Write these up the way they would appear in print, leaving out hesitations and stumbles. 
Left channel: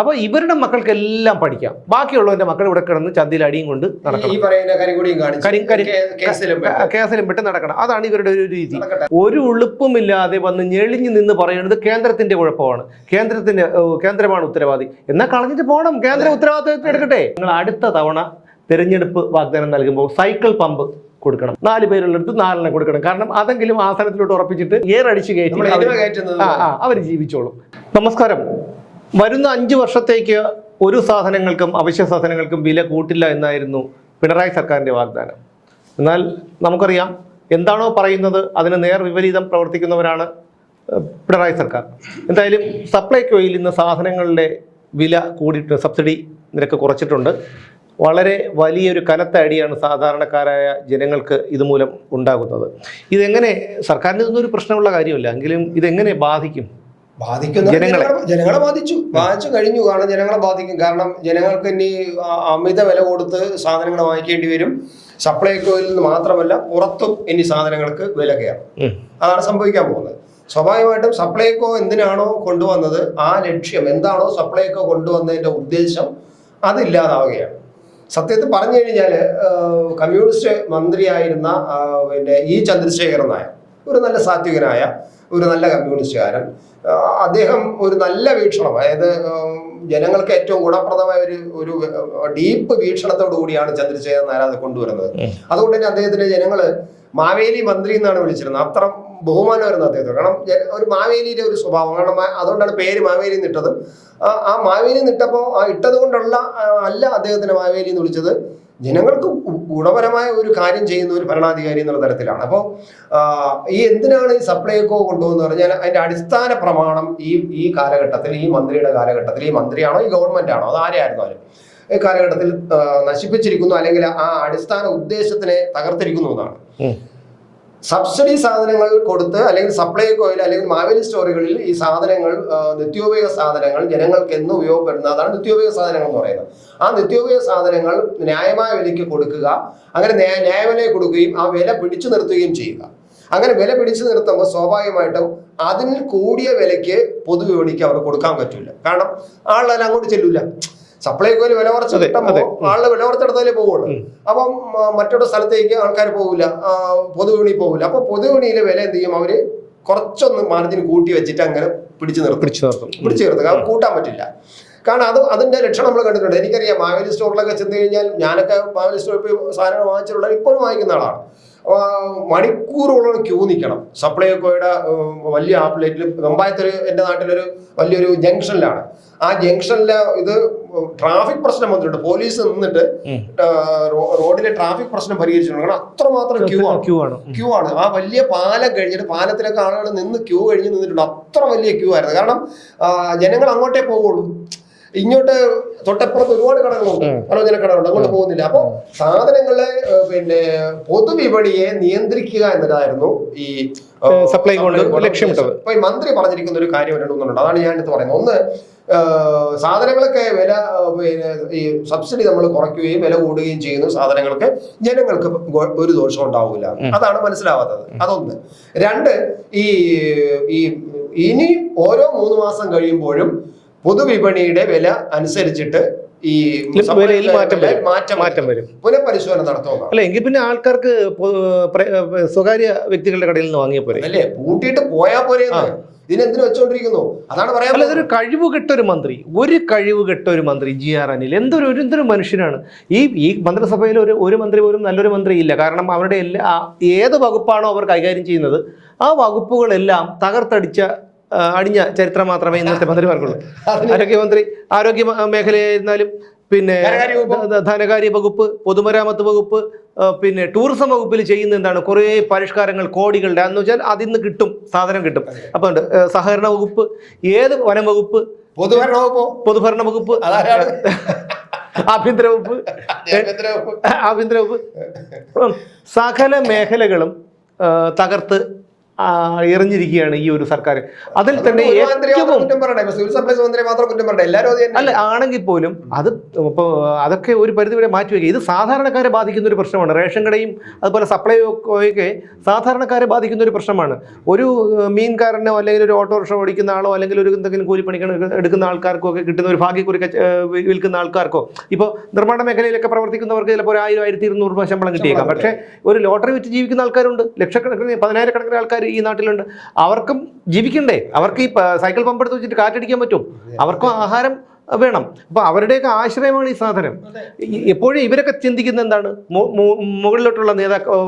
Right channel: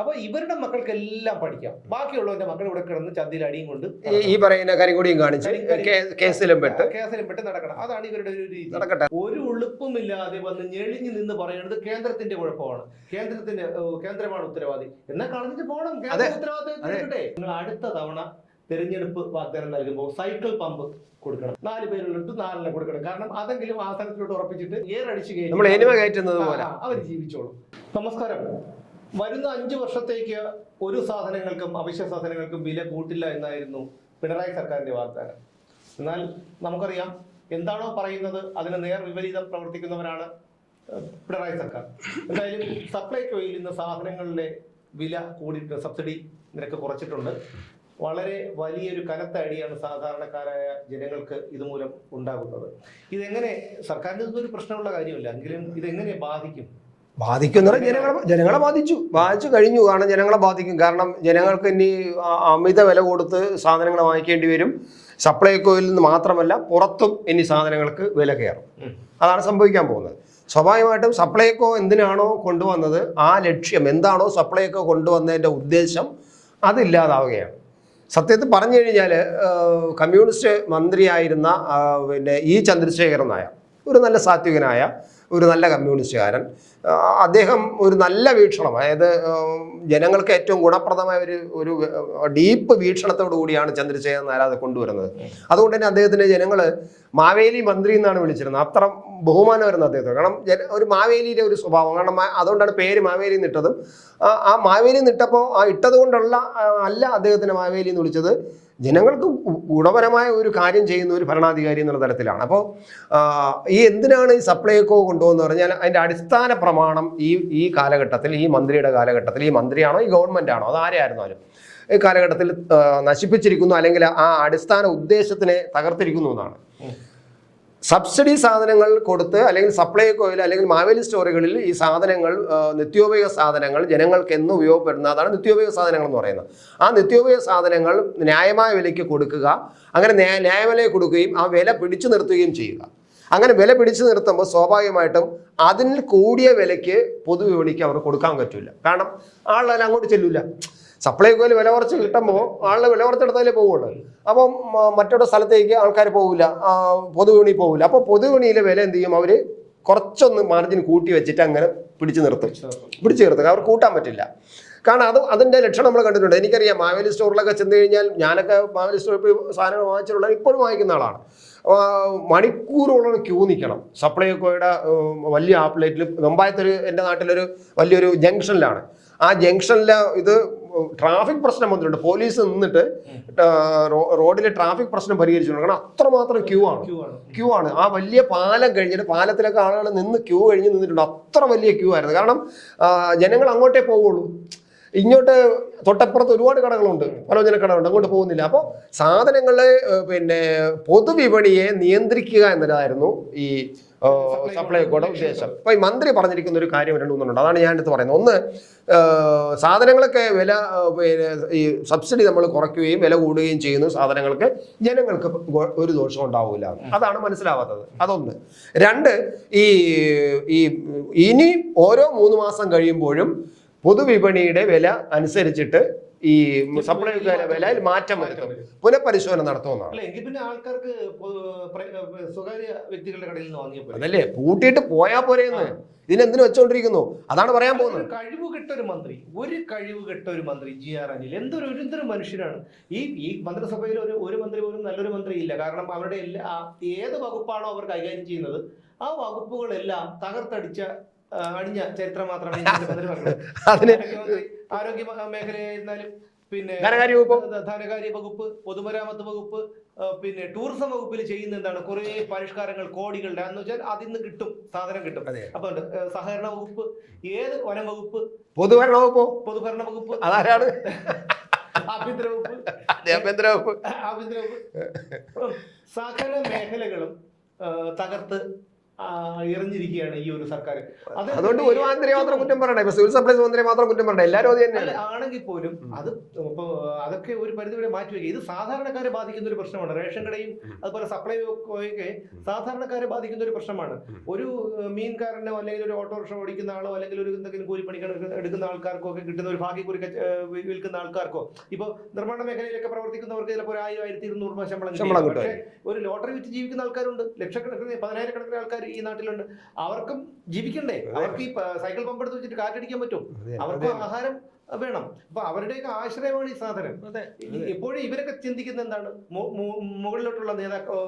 അപ്പൊ ഇവരുടെ മക്കൾക്കെല്ലാം പഠിക്കാം. ബാക്കിയുള്ളവന്റെ മക്കൾ ഇവിടെ കിടന്ന് ചന്തിയിൽ അടിയും കൊണ്ട് കേസിലും പെട്ട് നടക്കണം. അതാണ് ഇവരുടെ ഒരു രീതി. ഒരു ഉളുപ്പുമില്ലാതെ വന്ന് ഞെളിഞ്ഞു നിന്ന് പറയുന്നത് കേന്ദ്രത്തിന്റെ കുഴപ്പമാണ്, കേന്ദ്രമാണ് ഉത്തരവാദി. എന്നാൽ കളഞ്ഞിട്ട് പോകണം, കേന്ദ്ര ഉത്തരവാദിത്വം എടുക്കട്ടെ. നിങ്ങൾ അടുത്ത തവണ തെരഞ്ഞെടുപ്പ് വാഗ്ദാനം നൽകുമ്പോൾ സൈക്കിൾ പമ്പ് കൊടുക്കണം. 4 പേരുള്ളടുത്ത് 4 കൊടുക്കണം. കാരണം അതെങ്കിലും ആസനത്തിലോട്ട് ഉറപ്പിച്ചിട്ട് ഏറടിച്ച് കയറ്റി അവർ ജീവിച്ചോളും. നമസ്കാരം. വരുന്ന 5 വർഷത്തേക്ക് ഒരു സാധനങ്ങൾക്കും അവശ്യ സാധനങ്ങൾക്കും വില കൂട്ടില്ല എന്നായിരുന്നു പിണറായി സർക്കാരിന്റെ വാഗ്ദാനം. എന്നാൽ നമുക്കറിയാം, എന്താണോ പറയുന്നത് അതിന് നേർ വിപരീതം പ്രവർത്തിക്കുന്നവരാണ് പിണറായി സർക്കാർ. എന്തായാലും സപ്ലൈകോയിൽ ഇന്ന് സാധനങ്ങളുടെ വില കൂടിയിട്ട് സബ്സിഡി നിരക്ക് കുറച്ചിട്ടുണ്ട്. വളരെ വലിയൊരു കനത്ത അടിയാണ് സാധാരണക്കാരായ ജനങ്ങൾക്ക് ഇതുമൂലം ഉണ്ടാകുന്നത്. ഇതെങ്ങനെ, സർക്കാരിന് ഇതൊന്നും ഒരു പ്രശ്നമുള്ള കാര്യമല്ല, എങ്കിലും ഇതെങ്ങനെ ബാധിക്കും? ജനങ്ങളെ ബാധിച്ചു കഴിഞ്ഞു. കാരണം ജനങ്ങളെ ബാധിക്കും. കാരണം ജനങ്ങൾക്ക് ഇനി അമിത വില കൊടുത്ത് സാധനങ്ങൾ വാങ്ങിക്കേണ്ടി വരും. സപ്ലൈകോയിൽ നിന്ന് മാത്രമല്ല, പുറത്തും ഇനി സാധനങ്ങൾക്ക് വില കയറും. അതാണ് സംഭവിക്കാൻ പോകുന്നത്. സ്വാഭാവികമായിട്ടും സപ്ലൈകോ എന്തിനാണോ കൊണ്ടുവന്നത്, ആ ലക്ഷ്യം എന്താണോ സപ്ലൈകോ കൊണ്ടുവന്നതിന്റെ ഉദ്ദേശം അതില്ലാതാവുകയാണ്. സത്യത്തിൽ പറഞ്ഞു കഴിഞ്ഞാൽ കമ്മ്യൂണിസ്റ്റ് മന്ത്രിയായിരുന്ന ഇ ചന്ദ്രശേഖരൻ നായർ, ഒരു നല്ല സാത്വികനായ ഒരു നല്ല കമ്മ്യൂണിസ്റ്റുകാരൻ, അദ്ദേഹം ഒരു നല്ല വീക്ഷണം, അതായത് ജനങ്ങൾക്ക് ഏറ്റവും ഗുണപ്രദമായ ഒരു ഡീപ്പ് വീക്ഷണത്തോടു കൂടിയാണ് ചന്ദ്രശേഖരൻ നായർ അത് കൊണ്ടുവരുന്നത്. അതുകൊണ്ട് തന്നെ അദ്ദേഹത്തിന് ജനങ്ങള് മാവേലി മന്ത്രി എന്നാണ് വിളിച്ചിരുന്നത്. അത്ര ബഹുമാനമായിരുന്നു അദ്ദേഹത്തിന്. കാരണം ഒരു മാവേലിയുടെ ഒരു സ്വഭാവം, കാരണം അതുകൊണ്ടാണ് പേര് മാവേലി നിട്ടത്. ആ മാവേലി നിട്ടപ്പോൾ ആ ഇട്ടത് കൊണ്ടുള്ള അല്ല അദ്ദേഹത്തിന് മാവേലി എന്ന് വിളിച്ചത്, ജനങ്ങൾക്ക് ഗുണപരമായ ഒരു കാര്യം ചെയ്യുന്ന ഒരു ഭരണാധികാരി എന്നുള്ള തരത്തിലാണ്. അപ്പോൾ എന്തിനാണ് ഈ സപ്ലൈകോ കൊണ്ടുപോകുന്നത് പറഞ്ഞാൽ അതിന്റെ അടിസ്ഥാന പ്രമാണം ഈ കാലഘട്ടത്തിൽ, ഈ മന്ത്രിയുടെ കാലഘട്ടത്തിൽ, ഈ മന്ത്രിയാണോ ഈ ഗവൺമെന്റ് ആണോ അത് ആരെയായിരുന്നാലും ഈ കാലഘട്ടത്തിൽ നശിപ്പിച്ചിരിക്കുന്നു, അല്ലെങ്കിൽ ആ അടിസ്ഥാന ഉദ്ദേശത്തിനെ തകർത്തിരിക്കുന്നു എന്നാണ്. സബ്സിഡി സാധനങ്ങൾ കൊടുത്ത്, അല്ലെങ്കിൽ സപ്ലൈകോയിൽ അല്ലെങ്കിൽ മാവേലി സ്റ്റോറുകളിൽ ഈ സാധനങ്ങൾ, നിത്യോപയോഗ സാധനങ്ങൾ ജനങ്ങൾക്ക് എന്ന് ഉപയോഗപ്പെടുന്ന, അതാണ് നിത്യോപയോഗ സാധനങ്ങൾ എന്ന് പറയുന്നത്. ആ നിത്യോപയോഗ സാധനങ്ങൾ ന്യായമായ വിലയ്ക്ക് കൊടുക്കുക, അങ്ങനെ ന്യായവില കൊടുക്കുകയും ആ വില പിടിച്ചു നിർത്തുകയും ചെയ്യുക. അങ്ങനെ വില പിടിച്ചു നിർത്തുമ്പോൾ സ്വാഭാവികമായിട്ടും അതിന് കൂടിയ വിലയ്ക്ക് പൊതുവിപണിക്ക് അവർ കൊടുക്കാൻ പറ്റില്ല. കാരണം ആളെല്ലാം അങ്ങോട്ട് ചെല്ലൂല. സപ്ലൈകോയിൽ വില കുറച്ച് കിട്ടുമ്പോൾ ആളുടെ വില കുറച്ചെടുത്താലേ പോവുള്ളൂ. അപ്പം മറ്റൊരു സ്ഥലത്തേക്ക് ആൾക്കാർ പോകില്ല, പൊതുവിപണി പോകില്ല. അപ്പൊ പൊതുവിപണിയിലെ വില എന്ത് ചെയ്യും, അവര് കുറച്ചൊന്ന് മാർജിൻ കൂട്ടി വെച്ചിട്ട് അങ്ങനെ പിടിച്ചു നിർത്തും. കാരണം കൂട്ടാൻ പറ്റില്ല. കാരണം അതിന്റെ ലക്ഷണം നമ്മൾ കണ്ടിട്ടുണ്ട്. എനിക്കറിയാം, മാവേലി സ്റ്റോറിലൊക്കെ ചെന്ന് കഴിഞ്ഞാൽ, ഞാനൊക്കെ മാവേലി സ്റ്റോറിൽ പോയി സാധനങ്ങൾ വാങ്ങിച്ചിട്ടുള്ള, ഇപ്പോഴും വാങ്ങിക്കുന്ന ആളാണ്. മണിക്കൂറുകളോളം ക്യൂ നിൽക്കണം. സപ്ലൈകോയുടെ വലിയ ഔട്ട്ലെറ്റിൽ, വെമ്പായത്തൊരു എൻ്റെ നാട്ടിലൊരു വലിയൊരു ജംഗ്ഷനിലാണ്. ആ ജംഗ്ഷനിലെ ഇത് ട്രാഫിക് പ്രശ്നം വന്നിട്ടുണ്ട്. പോലീസ് നിന്നിട്ട് റോഡിലെ ട്രാഫിക് പ്രശ്നം പരിഹരിച്ചിട്ടുണ്ട്. കാരണം അത്രമാത്രം ക്യൂ ആണ്. ആ വലിയ പാലം കഴിഞ്ഞിട്ട്, പാലത്തിലൊക്കെ ആളുകൾ നിന്ന് ക്യൂ കഴിഞ്ഞ് നിന്നിട്ടുണ്ട്. അത്ര വലിയ ക്യൂ ആയിരുന്നു. കാരണം ജനങ്ങൾ അങ്ങോട്ടേ പോകുള്ളൂ. ഇങ്ങോട്ട് തൊട്ടപ്പുറത്ത് ഒരുപാട് കടകളുണ്ട്, ആലോചന കടകളുണ്ട്, അങ്ങോട്ട് പോകുന്നില്ല. അപ്പൊ സാധനങ്ങളെ പൊതുവിപണിയെ നിയന്ത്രിക്കുക എന്നതായിരുന്നു ഈ ലക്ഷ്യമിട്ടത്. അപ്പൊ ഈ മന്ത്രി പറഞ്ഞിരിക്കുന്ന ഒരു കാര്യം രണ്ടുണ്ട്, അതാണ് ഞാൻ എടുത്ത് പറയുന്നത്. ഒന്ന്, സാധനങ്ങളൊക്കെ വില, ഈ സബ്സിഡി നമ്മൾ കുറയ്ക്കുകയും വില കൂടുകയും ചെയ്യുന്നു സാധനങ്ങൾക്ക്, ജനങ്ങൾക്ക് ഒരു ദോഷം ഉണ്ടാവില്ല. അതാണ് മനസ്സിലാവാത്തത്. അതൊന്ന്. രണ്ട്, ഇനി ഓരോ 3 മാസം കഴിയുമ്പോഴും പൊതുവിപണിയുടെ വില അനുസരിച്ചിട്ട് ഈ മാറ്റം വരും, പുനഃപരിശോധന നടത്തുക. അല്ല, എങ്കിൽ പിന്നെ ആൾക്കാർക്ക് സ്വകാര്യ വ്യക്തികളുടെ കടയിൽ നിന്ന് വാങ്ങിയ പോലെ അല്ലേ, പൂട്ടിയിട്ട് പോയാ പോരെ. ഇതിനെന്തിനു വെച്ചോണ്ടിരിക്കുന്നു? അതാണ് പറയാൻ. അല്ല, ഇതൊരു കഴിവ് കെട്ടൊരു മന്ത്രി GR അനിൽ എന്തൊരു മനുഷ്യനാണ്. ഈ മന്ത്രിസഭയിൽ ഒരു മന്ത്രി പോലും നല്ലൊരു മന്ത്രി ഇല്ല. കാരണം അവരുടെ ഏത് വകുപ്പാണോ അവർ കൈകാര്യം ചെയ്യുന്നത്, ആ വകുപ്പുകളെല്ലാം അടിഞ്ഞ ചരിത്രം മാത്രമേ ഇന്നത്തെ മന്ത്രിമാർക്കുള്ളൂ. ആരോഗ്യ മേഖലയായിരുന്നാലും, പിന്നെ ധനകാര്യ വകുപ്പ്, പൊതുമരാമത്ത് വകുപ്പ്, പിന്നെ ടൂറിസം വകുപ്പിൽ ചെയ്യുന്ന എന്താണ്, കുറെ പരിഷ്കാരങ്ങൾ കോടികളുടെ, എന്ന് വെച്ചാൽ അതിന്ന് സാധനം കിട്ടും. അപ്പൊ സഹകരണ വകുപ്പ്, വനം വകുപ്പ്, പൊതുഭരണ വകുപ്പ്, ആഭ്യന്തര വകുപ്പ്, സകല മേഖലകളും തകർത്ത് എറിഞ്ഞിരിക്കുകയാണ് ഈ ഒരു സർക്കാർ. അതിൽ തന്നെ ഏറ്റവും അല്ല ആണെങ്കിൽ പോലും അത് ഇപ്പോൾ അതൊക്കെ ഒരു പരിധിവരെ മാറ്റിവെക്കുക. ഇത് സാധാരണക്കാരെ ബാധിക്കുന്ന ഒരു പ്രശ്നമാണ്. റേഷൻ കടയും അതുപോലെ സപ്ലൈകോയൊക്കെ സാധാരണക്കാരെ ബാധിക്കുന്ന ഒരു പ്രശ്നമാണ്. ഒരു മീൻകാരനോ അല്ലെങ്കിൽ ഒരു ഓട്ടോറിക്ഷ ഓടിക്കുന്ന ആളോ അല്ലെങ്കിൽ ഒരു എന്തെങ്കിലും കൂലിപ്പണിക്ക് എടുക്കുന്ന ആൾക്കാർക്കോ ഒക്കെ കിട്ടുന്ന ഒരു ഭാഗ്യക്കുറി വിൽക്കുന്ന ആൾക്കാർക്കോ, ഇപ്പോൾ നിർമ്മാണ മേഖലയിലൊക്കെ പ്രവർത്തിക്കുന്നവർക്ക് ചിലപ്പോൾ 1000-1200 രൂപ ശമ്പളം കിട്ടിയേക്കാം. പക്ഷേ ഒരു ലോട്ടറി വിറ്റ് ജീവിക്കുന്ന ആൾക്കാരുണ്ട്, ലക്ഷക്കണക്കിന് 10,000-കണക്കിന് ആൾക്കാർ ഈ നാട്ടിലുണ്ട്. അവർക്കും ജീവിക്കണ്ടേ? അവർക്ക് ഈ സൈക്കിൾ പമ്പ് എടുത്ത് വെച്ചിട്ട് കാറ്റടിക്കാൻ പറ്റും? അവർക്കും ആഹാരം വേണം. അപ്പൊ അവരുടെയൊക്കെ ആശ്രയമാണ് ഈ സാധനം. എപ്പോഴും ഇവരൊക്കെ ചിന്തിക്കുന്ന എന്താണ്? മുകളിലോട്ടുള്ള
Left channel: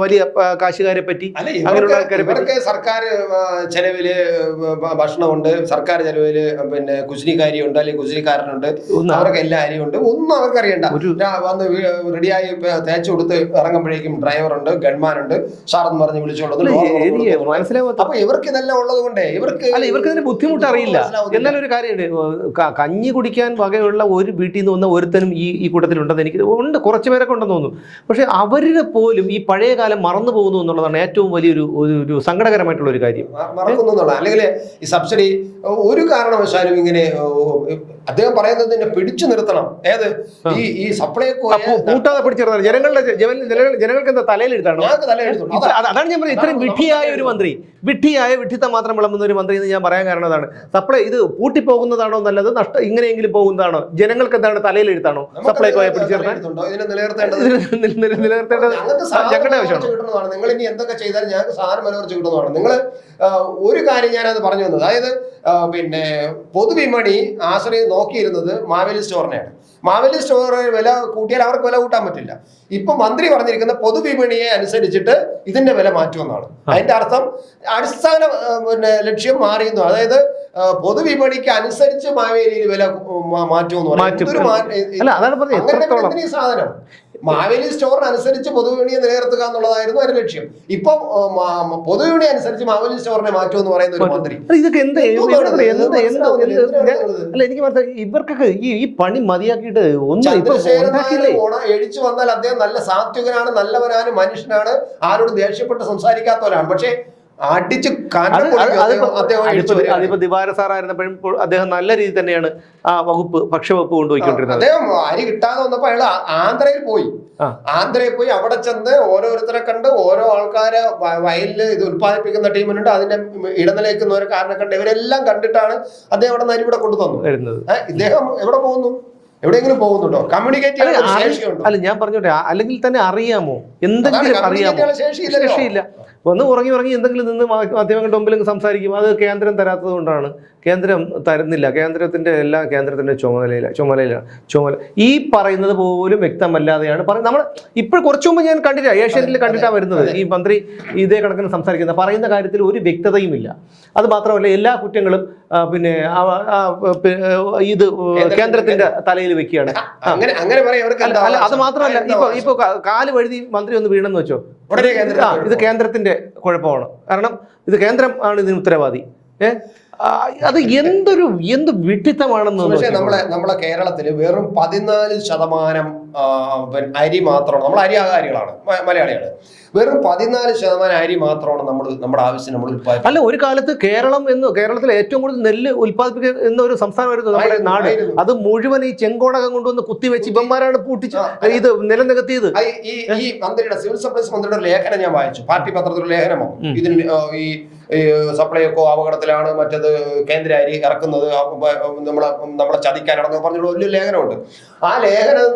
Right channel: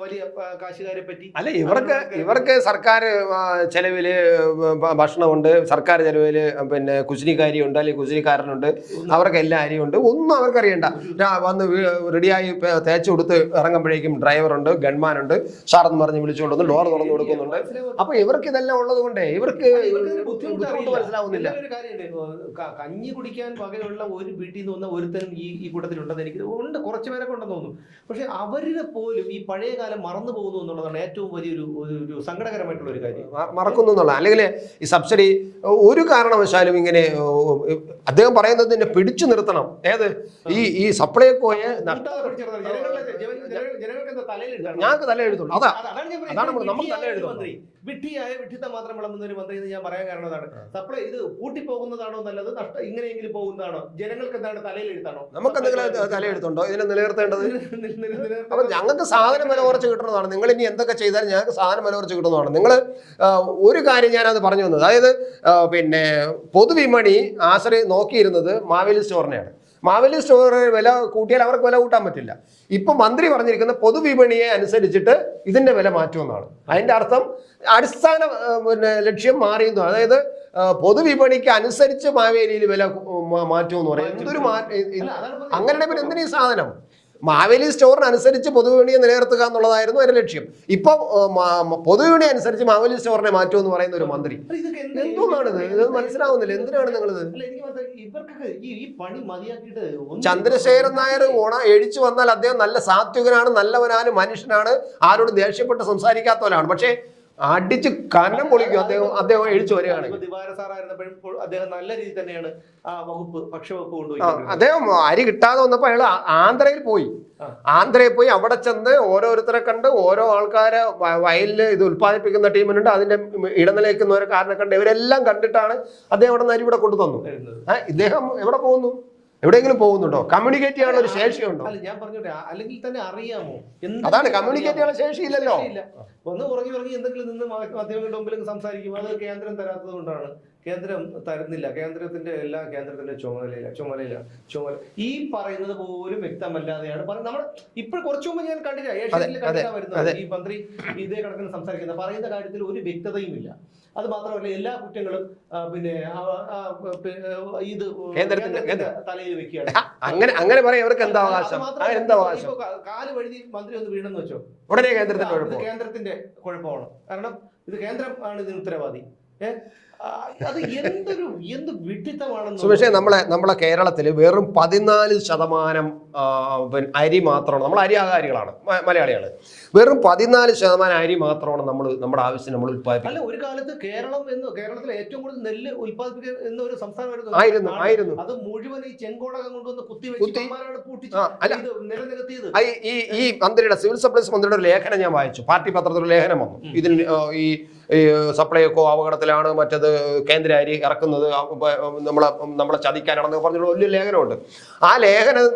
വലിയ കാശുകാരെ പറ്റി, അങ്ങനെയുള്ള ആൾക്കാരെ പറ്റി. സർക്കാർ ചെലവില് ഭക്ഷണമുണ്ട്, സർക്കാർ ചെലവില് പിന്നെ കുശിനിക്കാരിയുണ്ട്, അല്ലെങ്കിൽ കുശിനിക്കാരനുണ്ട്, അവർക്ക് എല്ലാ അരിയുണ്ട്. ഒന്നും അവർക്ക് അറിയണ്ട. വന്ന് റെഡിയായി തേച്ച് കൊടുത്ത് ഇറങ്ങുമ്പോഴേക്കും ഡ്രൈവറുണ്ട്, ഗൺമാനുണ്ട്, സാറെന്ന് പറഞ്ഞ് വിളിച്ചുകൊണ്ടു. മനസ്സിലാവും. അപ്പൊ ഇവർക്ക് ഇതെല്ലാം ഉള്ളത് കൊണ്ടേ ഇവർക്ക് ഇതിന്റെ ബുദ്ധിമുട്ട് അറിയില്ല. എന്നാലും ഒരു കാര്യമുണ്ട്, കഞ്ഞി കുടിക്കാൻ വകയുള്ള ഒരു വീട്ടിൽ നിന്ന് വന്ന ഒരുത്തനും ഈ കൂട്ടത്തിലുണ്ടെന്ന് എനിക്ക് ഉണ്ട്, കുറച്ച് പേരൊക്കെ ഉണ്ടെന്ന് തോന്നുന്നു. പക്ഷെ അവരുടെ പോലും ഈ പഴയ കാലം മറന്നു പോകുന്നു എന്നുള്ളതാണ് ഏറ്റവും വലിയൊരു ഒരു സങ്കടകരമായിട്ടുള്ള ഒരു കാര്യം. മറക്കുന്നു എന്നുള്ള, അല്ലെങ്കിൽ ഈ സബ്സിഡി ഒരു കാരണവശാലും ഇങ്ങനെ അദ്ദേഹം പറയുന്നത് പിടിച്ചു നിർത്തണം. ഏത് ഈ സപ്ലൈകോ കൂട്ടാതെ പിടിച്ചിരുന്നത് ജനങ്ങൾക്ക് എന്താ തലയിലെടുത്താണോ? അതാണ് ഞാൻ പറയുന്നത്. ഇത്രയും വിഡ്ഢിയായ ഒരു മന്ത്രി, വിഡ്ഢിത്തം മാത്രം വിളമ്പുന്ന ഒരു മന്ത്രി എന്ന് ഞാൻ പറയാൻ കാരണം അതാണ്. സപ്ലൈ ഇത് പൂട്ടിപ്പോകുന്നതാണോ നല്ലത്, നഷ്ടം പോകുന്നതാണോ? ജനങ്ങൾക്ക് എന്താണ് തലയിലെഴുത്താണോ? സപ്ലൈകോയെ നിങ്ങൾ ഇനി എന്തൊക്കെ ചെയ്താലും ഞങ്ങൾക്ക് സാധനം വില കുറച്ച് കിട്ടുന്നതാണ്. നിങ്ങൾ ഒരു കാര്യം ഞാനത് പറഞ്ഞു തന്നത്, അതായത് പിന്നെ പൊതുവിപണി ആശ്രയം നോക്കിയിരുന്നത് മാവേലി സ്റ്റോറിനെയാണ്. മാവേലി സ്റ്റോറിന് വില കൂട്ടിയാൽ അവർക്ക് വില കൂട്ടാൻ പറ്റില്ല. ഇപ്പൊ മന്ത്രി പറഞ്ഞിരിക്കുന്ന പൊതുവിപണിയെ അനുസരിച്ചിട്ട് ഇതിന്റെ വില മാറ്റുമെന്നാണ്. അതിന്റെ അർത്ഥം അടിസ്ഥാന ലക്ഷ്യം മാറിയെന്നു. അതായത് പൊതുവിപണിക്ക് അനുസരിച്ച് മാവേലിയിൽ വില മാറ്റുമെന്ന് സാധനം മാവേലി സ്റ്റോറിനനുസരിച്ച് പൊതുവിപണിയെ നിലനിർത്തുക എന്നുള്ളതായിരുന്നു അതിന്റെ ലക്ഷ്യം. ഇപ്പൊ പൊതുവിപണി അനുസരിച്ച് മാവേലി സ്റ്റോറിനെ മാറ്റുമെന്ന് പറയുന്ന ഒരു മന്ത്രി. ഇതൊക്കെ അല്ല എനിക്ക് ഇവർക്കൊക്കെ ഈ പണി മതിയാക്കിയിട്ട് എഴിച്ചു വന്നാൽ അദ്ദേഹം നല്ല സാത്വികനാണ്, നല്ലവനാണ്, മനുഷ്യനാണ്, ആരോട് ദേഷ്യപ്പെട്ട് സംസാരിക്കാത്തവരാണ്. പക്ഷേ അടിച്ച് അതിപ്പോ ദിവാര സാറായിരുന്നപ്പോഴും അദ്ദേഹം നല്ല രീതിയിൽ തന്നെയാണ് ആ വകുപ്പ്, ഭക്ഷ്യവകുപ്പ് കൊണ്ടുപോയിക്കൊണ്ടിരുന്നത്. അദ്ദേഹം അരി കിട്ടാതെ വന്നപ്പോ അയാൾ ആന്ധ്രയിൽ പോയി അവിടെ ചെന്ന് ഓരോരുത്തരെ കണ്ട് ഓരോ ആൾക്കാരെ വയലിൽ ഇത് ഉത്പാദിപ്പിക്കുന്ന ടീമിനുണ്ട്, അതിന്റെ ഇടനിലയ്ക്കുന്നവരെ കാരണം കണ്ട് ഇവരെല്ലാം കണ്ടിട്ടാണ് അദ്ദേഹം അവിടെ നിന്ന് അരി ഇവിടെ കൊണ്ടുതന്നു വരുന്നത്. ഇദ്ദേഹം എവിടെ പോകുന്നു? എവിടെയെങ്കിലും പോകുന്നുണ്ടോ? കമ്മ്യൂണിക്കേറ്റ് ചെയ്യാൻ ശേഷിയുണ്ടോ? അല്ല ഞാൻ പറഞ്ഞോട്ടെ, അല്ലെങ്കിൽ തന്നെ അറിയാമോ, എന്തെങ്കിലും അറിയാമോ? ശേഷിയില്ല. ഒന്ന് ഉറങ്ങി എന്തെങ്കിലും നിന്ന് മാധ്യമങ്ങളുടെ മുമ്പിൽ സംസാരിക്കും. അത് കേന്ദ്രം തരാത്തത് കൊണ്ടാണ്. കേന്ദ്രം തരുന്നില്ല. കേന്ദ്രത്തിന്റെ ചുമതല ഈ പറയുന്നത് പോലും വ്യക്തമല്ലാതെയാണ് പറയുന്നത്. നമ്മൾ ഇപ്പോൾ കുറച്ചു മുമ്പ് ഞാൻ കണ്ടില്ല, ഏഷ്യാനെറ്റിൽ കണ്ടിട്ടാണ് വരുന്നത്. ഈ മന്ത്രി ഇതേ കണക്കിന് സംസാരിക്കുന്നത്, പറയുന്ന കാര്യത്തിൽ ഒരു വ്യക്തതയുമില്ല. അത് മാത്രമല്ല, എല്ലാ കുറ്റങ്ങളും പിന്നെ ഇത് കേന്ദ്രത്തിന്റെ തലയിൽ വെക്കുകയാണ്. അത് മാത്രമല്ല, ഇപ്പൊ കാല് വഴുതി മന്ത്രി ഒന്ന് വീണെന്ന് വെച്ചോ, ഇത് കേന്ദ്രത്തിന്റെ കുഴപ്പമാണ്. കാരണം ഇത് കേന്ദ്രം ആണ് ഇതിന് ഉത്തരവാദി. അത് എന്ത് വിഡ്ഢിത്തമാണെന്ന്. പക്ഷേ നമ്മളെ കേരളത്തില് വെറും 14% അരി മാത്രമാണ്. നമ്മൾ അരിയാകാരികളാണ്, മലയാളികള്. വെറും 14% അരി മാത്രമാണ് നമ്മുടെ ആവശ്യം നമ്മൾ ഉത്പാദിപ്പിക്കുന്നത്. അല്ല, ഒരു കാലത്ത് കേരളത്തിലെ ഏറ്റവും കൂടുതൽ നെല്ല് ഉത്പാദിപ്പിക്കുന്ന ഒരു സംസ്ഥാനമായിരുന്നു നമ്മുടെ നാട്. അത് മുഴുവൻ ഈ ചെങ്കോണകം കൊണ്ടുവന്ന് കുത്തിവെച്ച് ഇവന്മാരാണ് പൂട്ടിച്ച് ഇത് നിലനികത്തിയത്. ഈ മന്ത്രിയുടെ സിവിൽ സപ്ലൈസ് മന്ത്രിയുടെ ലേഖനം ഞാൻ വായിച്ചു, പാർട്ടി പത്രത്തിലുള്ള ലേഖനമോ. ഇതിന് ഈ സപ്ലൈകോ അപകടത്തിലാണ്, മറ്റത് കേന്ദ്ര അരി ഇറക്കുന്നത് നമ്മളെ ചതിക്കാനാണെന്ന് പറഞ്ഞുള്ള വലിയ ലേഖനമുണ്ട്. ആ ലേഖനം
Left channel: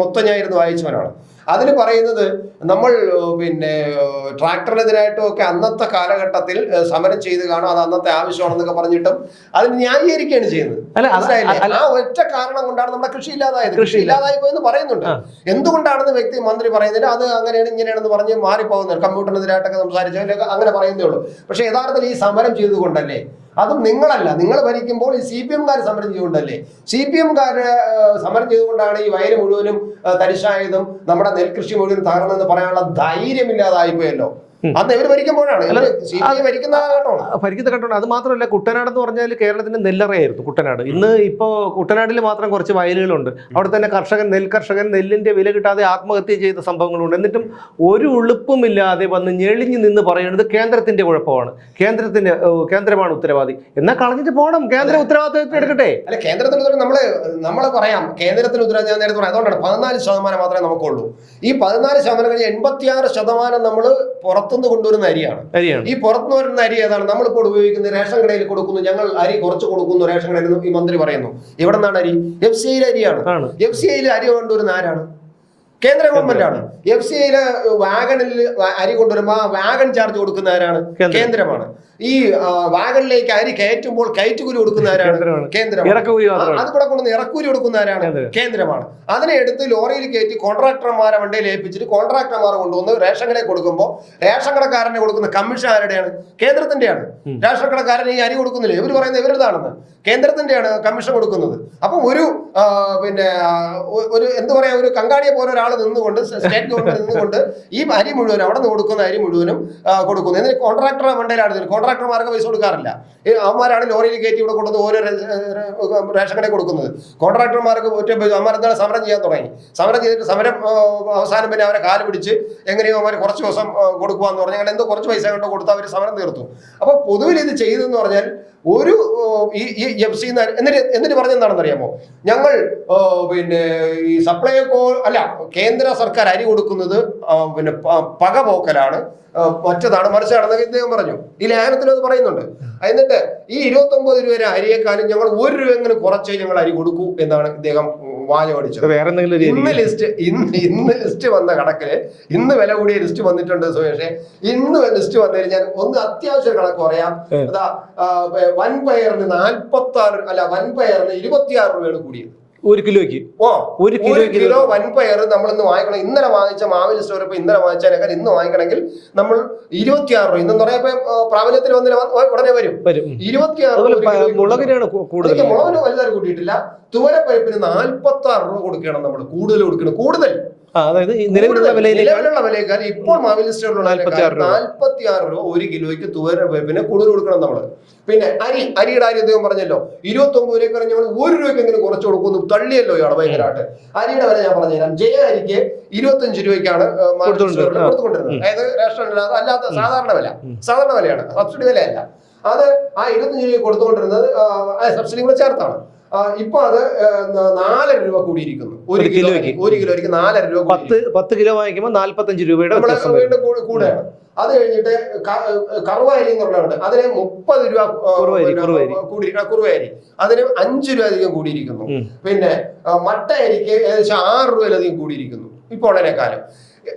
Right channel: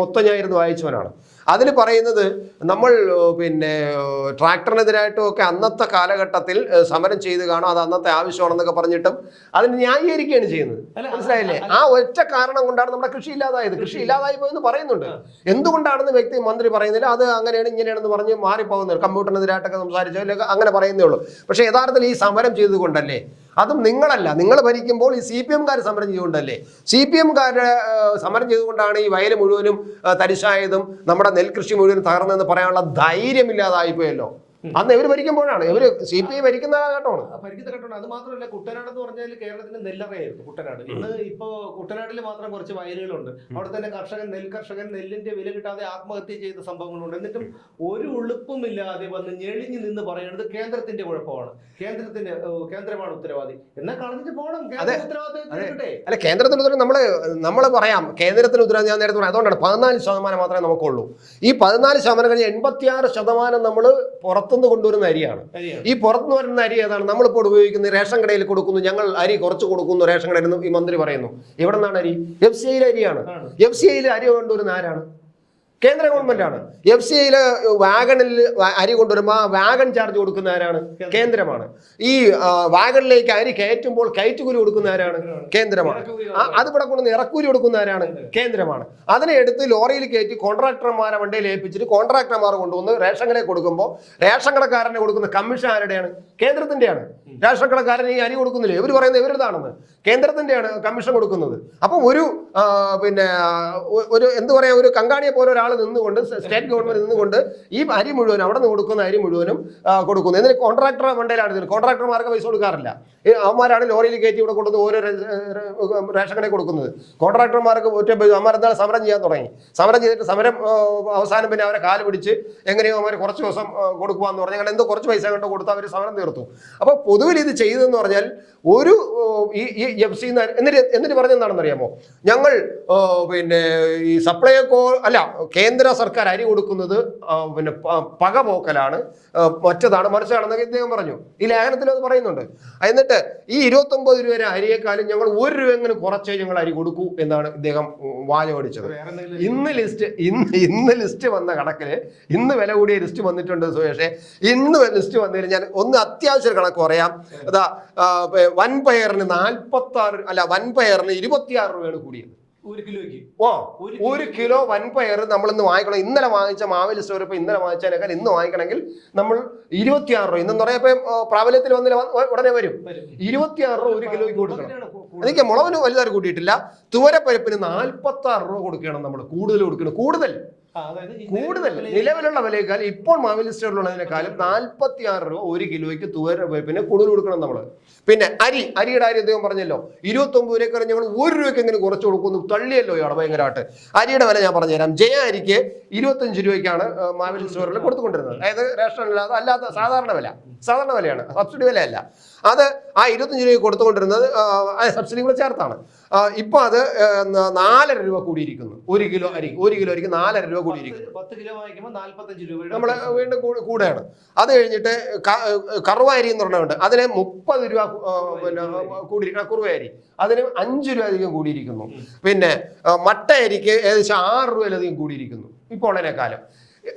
മൊത്തം ഞാൻ ഇരുന്ന് വായിച്ചവനാണ്. അതിൽ പറയുന്നത് നമ്മൾ പിന്നെ ട്രാക്ടറിനെതിരായിട്ടും ഒക്കെ അന്നത്തെ കാലഘട്ടത്തിൽ സമരം ചെയ്ത് കാണും, അത് അന്നത്തെ ആവശ്യമാണെന്നൊക്കെ പറഞ്ഞിട്ടും അത് ന്യായീകരിക്കുകയാണ് ചെയ്യുന്നത്. ആ ഒറ്റ കാരണം കൊണ്ടാണ് നമ്മുടെ കൃഷി ഇല്ലാതായി പോയെന്ന് പറയുന്നുണ്ട്. എന്തുകൊണ്ടാണെന്ന് മന്ത്രി പറയുന്നില്ല. അത് അങ്ങനെയാണ് ഇങ്ങനെയാണെന്ന് പറഞ്ഞ് മാറിപ്പോകുന്നത്. കമ്പ്യൂട്ടറിനെതിരായിട്ടൊക്കെ സംസാരിച്ചാൽ അങ്ങനെ പറയുന്നേ ഉള്ളൂ. പക്ഷെ യഥാർത്ഥത്തിൽ ഈ സമരം ചെയ്തുകൊണ്ടല്ലേ, അതും നിങ്ങളല്ല, നിങ്ങൾ ഭരിക്കുമ്പോൾ ഈ CPM-കാർ സമരം ചെയ്തുകൊണ്ടല്ലേ. CPM-കാര് സമരം ചെയ്തുകൊണ്ടാണ് ഈ വയല് മുഴുവനും തരിശായതും നമ്മുടെ നെൽകൃഷി മുഴുവൻ തകർന്നെന്ന് പറയാനുള്ള ധൈര്യമില്ലാതായിപ്പോയല്ലോ. അന്ന് ഇവര് ഭരിക്കുമ്പോഴാണ് CPI ഭരിക്കുന്ന കാലഘട്ടമാണ്. ഭരിക്കുന്ന ഘട്ടമാണ്. അത് മാത്രമല്ല, കുട്ടനാട് എന്ന് പറഞ്ഞാൽ കേരളത്തിന്റെ നെല്ലറയായിരുന്നു കുട്ടനാട്. ഇന്ന് ഇപ്പോൾ കുട്ടനാട്ടിൽ മാത്രം കുറച്ച് വയലുകളുണ്ട്. അവിടെ തന്നെ നെൽകർഷകൻ നെല്ലിന്റെ വില കിട്ടാതെ ആത്മഹത്യ ചെയ്ത സംഭവങ്ങളുണ്ട്. എന്നിട്ടും ഒരു ഉളുപ്പുമില്ലാതെ വന്ന് ഞെളിഞ്ഞു നിന്ന് പറയുന്നത് കേന്ദ്രത്തിന്റെ കുഴപ്പമാണ്, കേന്ദ്രമാണ് ഉത്തരവാദി. എന്നാൽ കളഞ്ഞിട്ട് പോകണം, കേന്ദ്ര ഉത്തരവാദിത്വം എടുക്കട്ടെ. അല്ല, കേന്ദ്രത്തിന് നമ്മളെ പറയാം, കേന്ദ്രത്തിന് ഉത്തരവാദിത്വം ഞാൻ നേരത്തെ പറയാം. അതുകൊണ്ടാണ് 14% മാത്രമേ നമുക്കുള്ളൂ. ഈ 14% കഴിഞ്ഞ് 86% നമ്മൾ പുറത്തുനിന്ന് കൊണ്ടുവരുന്ന അരിയാണ്. ഈ പുറത്തുനിന്ന് വരുന്ന അരി ഏതാണ്? നമ്മളിപ്പോൾ ഉപയോഗിക്കുന്ന റേഷൻ കടയിൽ കൊടുക്കുന്നു, ഞങ്ങൾ അരി കുറച്ച് കൊടുക്കുന്നു റേഷൻ കടയിൽ നിന്ന് ഈ മന്ത്രി പറയുന്നു. എവിടെ നിന്നാണ് അരി? FCI അരിയാണ്. FCI അരി കൊണ്ടുവരുന്ന ആരാണ്? കേന്ദ്ര ഗവൺമെന്റ് ആണ്. FCI വാഗണിൽ അരി കൊണ്ടുവരുമ്പോൾ വാഗൺ ചാർജ് കൊടുക്കുന്ന ആരാണ്? കേന്ദ്രമാണ്. ഈ വാഗണിലേക്ക് അരി കയറ്റുമ്പോൾ കയറ്റുകൂലി കൊടുക്കുന്ന ആരാണ്? കേന്ദ്രമാണ്. അത് കൂടെ കൊണ്ടുവന്ന് ഇറക്കൂലി കൊടുക്കുന്ന ആരാണ്? കേന്ദ്രമാണ്. അതിനെ എടുത്ത് ലോറിയിൽ കയറ്റി കോൺട്രാക്ടർമാരെ വണ്ടിയിൽ ഏൽപ്പിച്ചിട്ട് കോൺട്രാക്ടർമാർ കൊണ്ടുവന്ന് റേഷൻ കടയിൽ കൊടുക്കുമ്പോൾ റേഷൻ കടക്കാരനെ കൊടുക്കുന്ന കമ്മീഷൻ ആരുടെയാണ്? കേന്ദ്രത്തിന്റെയാണ്. റേഷൻ കടക്കാരൻ ഈ അരി കൊടുക്കുന്നില്ലേ? ഇവർ പറയുന്നത് ഇവരുതാണെന്ന്. കേന്ദ്രത്തിന്റെയാണ് കമ്മീഷൻ കൊടുക്കുന്നത്. അപ്പൊ ഒരു എന്താ പറയാ, ഒരു കങ്കാണിയെ പോലെ ഒരാൾ നിന്നുകൊണ്ട്, സ്റ്റേറ്റ് ഗവൺമെന്റ് നിന്നുകൊണ്ട് ഈ അരി മുഴുവനും, അവിടെ നിന്ന് കൊടുക്കുന്ന അരി മുഴുവനും കൊടുക്കുന്നു. എന്നിട്ട് കോൺട്രാക്ടർ മണ്ടയിലാണ്. കോൺട്രാക്ടർമാർക്ക് പൈസ കൊടുക്കാറില്ല. അവന്മാരാണ് ലോറിയിൽ കയറ്റി ഇവിടെ കൊണ്ടുവന്ന് ഓരോ റേഷൻ കടയിൽ കൊടുക്കുന്നത്. കോൺട്രാക്ടർമാർക്ക് അവന്മാരെന്താണ് സമരം ചെയ്യാൻ തുടങ്ങി. സമരം ചെയ്തിട്ട് സമരം അവസാനം പിന്നെ അവരെ കാല് പിടിച്ച് എങ്ങനെയോ അവന്മാർ കുറച്ച് ദിവസം കൊടുക്കുവാന്ന് പറഞ്ഞാൽ അങ്ങനെ എന്തോ കുറച്ച് പൈസ കണ്ടോ കൊടുത്ത് അവർ സമരം തീർത്തു. അപ്പൊ പൊതുവിൽ ഇത് ചെയ്തെന്ന് പറഞ്ഞാൽ ഒരു ഈ FCI എന്നിട്ട് പറഞ്ഞെന്താണെന്ന് അറിയാമോ? ഞങ്ങൾ ഈ സപ്ലൈകോ അല്ല, കേന്ദ്ര സർക്കാർ അരി കൊടുക്കുന്നത് പകപോക്കലാണ്, മറ്റതാണ് മറിച്ചാണെന്ന് ഇദ്ദേഹം പറഞ്ഞു. ഈ ലേഖനത്തിൽ അത് പറയുന്നുണ്ട്. എന്നിട്ട് ഈ 29 രൂപ വരെ അരിയേക്കാളും ഞങ്ങൾ 1 രൂപ എങ്ങനെ കുറച്ചേ ഞങ്ങൾ അരി കൊടുക്കൂ എന്നാണ് ഇദ്ദേഹം വാചകടിച്ചത്. ഇന്ന് ലിസ്റ്റ് വന്ന കണക്കില്, ഇന്ന് വില കൂടിയ ലിസ്റ്റ് വന്നിട്ടുണ്ട് സുരേഷേ. ഇന്ന് ലിസ്റ്റ് വന്നു കഴിഞ്ഞാൽ ഒന്ന് അത്യാവശ്യ കണക്ക് പറയാം. അതാ വൻപയറിന് 26 രൂപയാണ് കൂടിയത്. 1 കിലോയ്ക്ക്. 1 കിലോ വൻപയർ നമ്മൾ ഇന്ന് വാങ്ങിക്കണം. ഇന്നലെ വാങ്ങിച്ച മാവിൽ സ്റ്റോർ ഇപ്പൊ ഇന്നലെ വാങ്ങിച്ചതിനേക്കാൾ ഇന്ന് വാങ്ങിക്കണമെങ്കിൽ നമ്മൾ 26 രൂപ. ഇന്ന് പറയുമ്പോ പ്രാബല്യത്തിൽ വന്നില്ല, ഉടനെ വരും. 26 മുളകിന് വലുതായി കൂട്ടിയിട്ടില്ല. തുവരപ്പരിപ്പിന് 46 രൂപ കൊടുക്കണം. നമ്മൾ കൂടുതൽ കൊടുക്കണം. കൂടുതൽ അതായത് നിലവിലുള്ള വിലയേക്കാൾ ഇപ്പോൾ മാവിൽ സ്റ്റോറിലുള്ള 46 രൂപ 1 കിലോയ്ക്ക് തുവരപ്പരിപ്പിന് കൂടുതൽ കൊടുക്കണം നമ്മൾ. പിന്നെ അരിയുടെ കാര്യം അദ്ദേഹം പറഞ്ഞല്ലോ, 29 രൂപ ഞങ്ങൾ 1 രൂപയ്ക്ക് എങ്ങനെ കുറച്ച് കൊടുക്കുന്നു. തള്ളിയല്ലോ ഇയാളെ ഭയങ്കരമായിട്ട്. അരിയുടെ വില ഞാൻ പറഞ്ഞുതരാം. ജയ അരിക്ക് 25 രൂപയ്ക്കാണ് കൊടുത്തുകൊണ്ടിരുന്നത്. അതായത് റേഷൻ അല്ലാത്ത സാധാരണ വിലയാണ്, സബ്സിഡി വിലയല്ല. അത് ആ 25 രൂപ കൊടുത്തുകൊണ്ടിരുന്നത് സബ്സിഡി കൂടെ ചേർത്താണ്. ഇപ്പൊ അത് 4 രൂപ കൂടിയിരിക്കുന്നു. 1 കിലോയ്ക്ക് 4 രൂപ. 10 കിലോ വാങ്ങിക്കുമ്പോൾ 45 രൂപയുടെ കൂടെയാണ്. അത് കഴിഞ്ഞിട്ട് കറുവ അരി എന്ന് പറഞ്ഞുണ്ട്, അതിന് 30 രൂപ കുറുവരി, അതിന് 5 രൂപ അധികം കൂടിയിരിക്കുന്നു. പിന്നെ മട്ട അരിക്ക് ഏകദേശം 6 രൂപയിലധികം കൂടിയിരിക്കുന്നു ഇപ്പോൾ ഉടനെക്കാലം.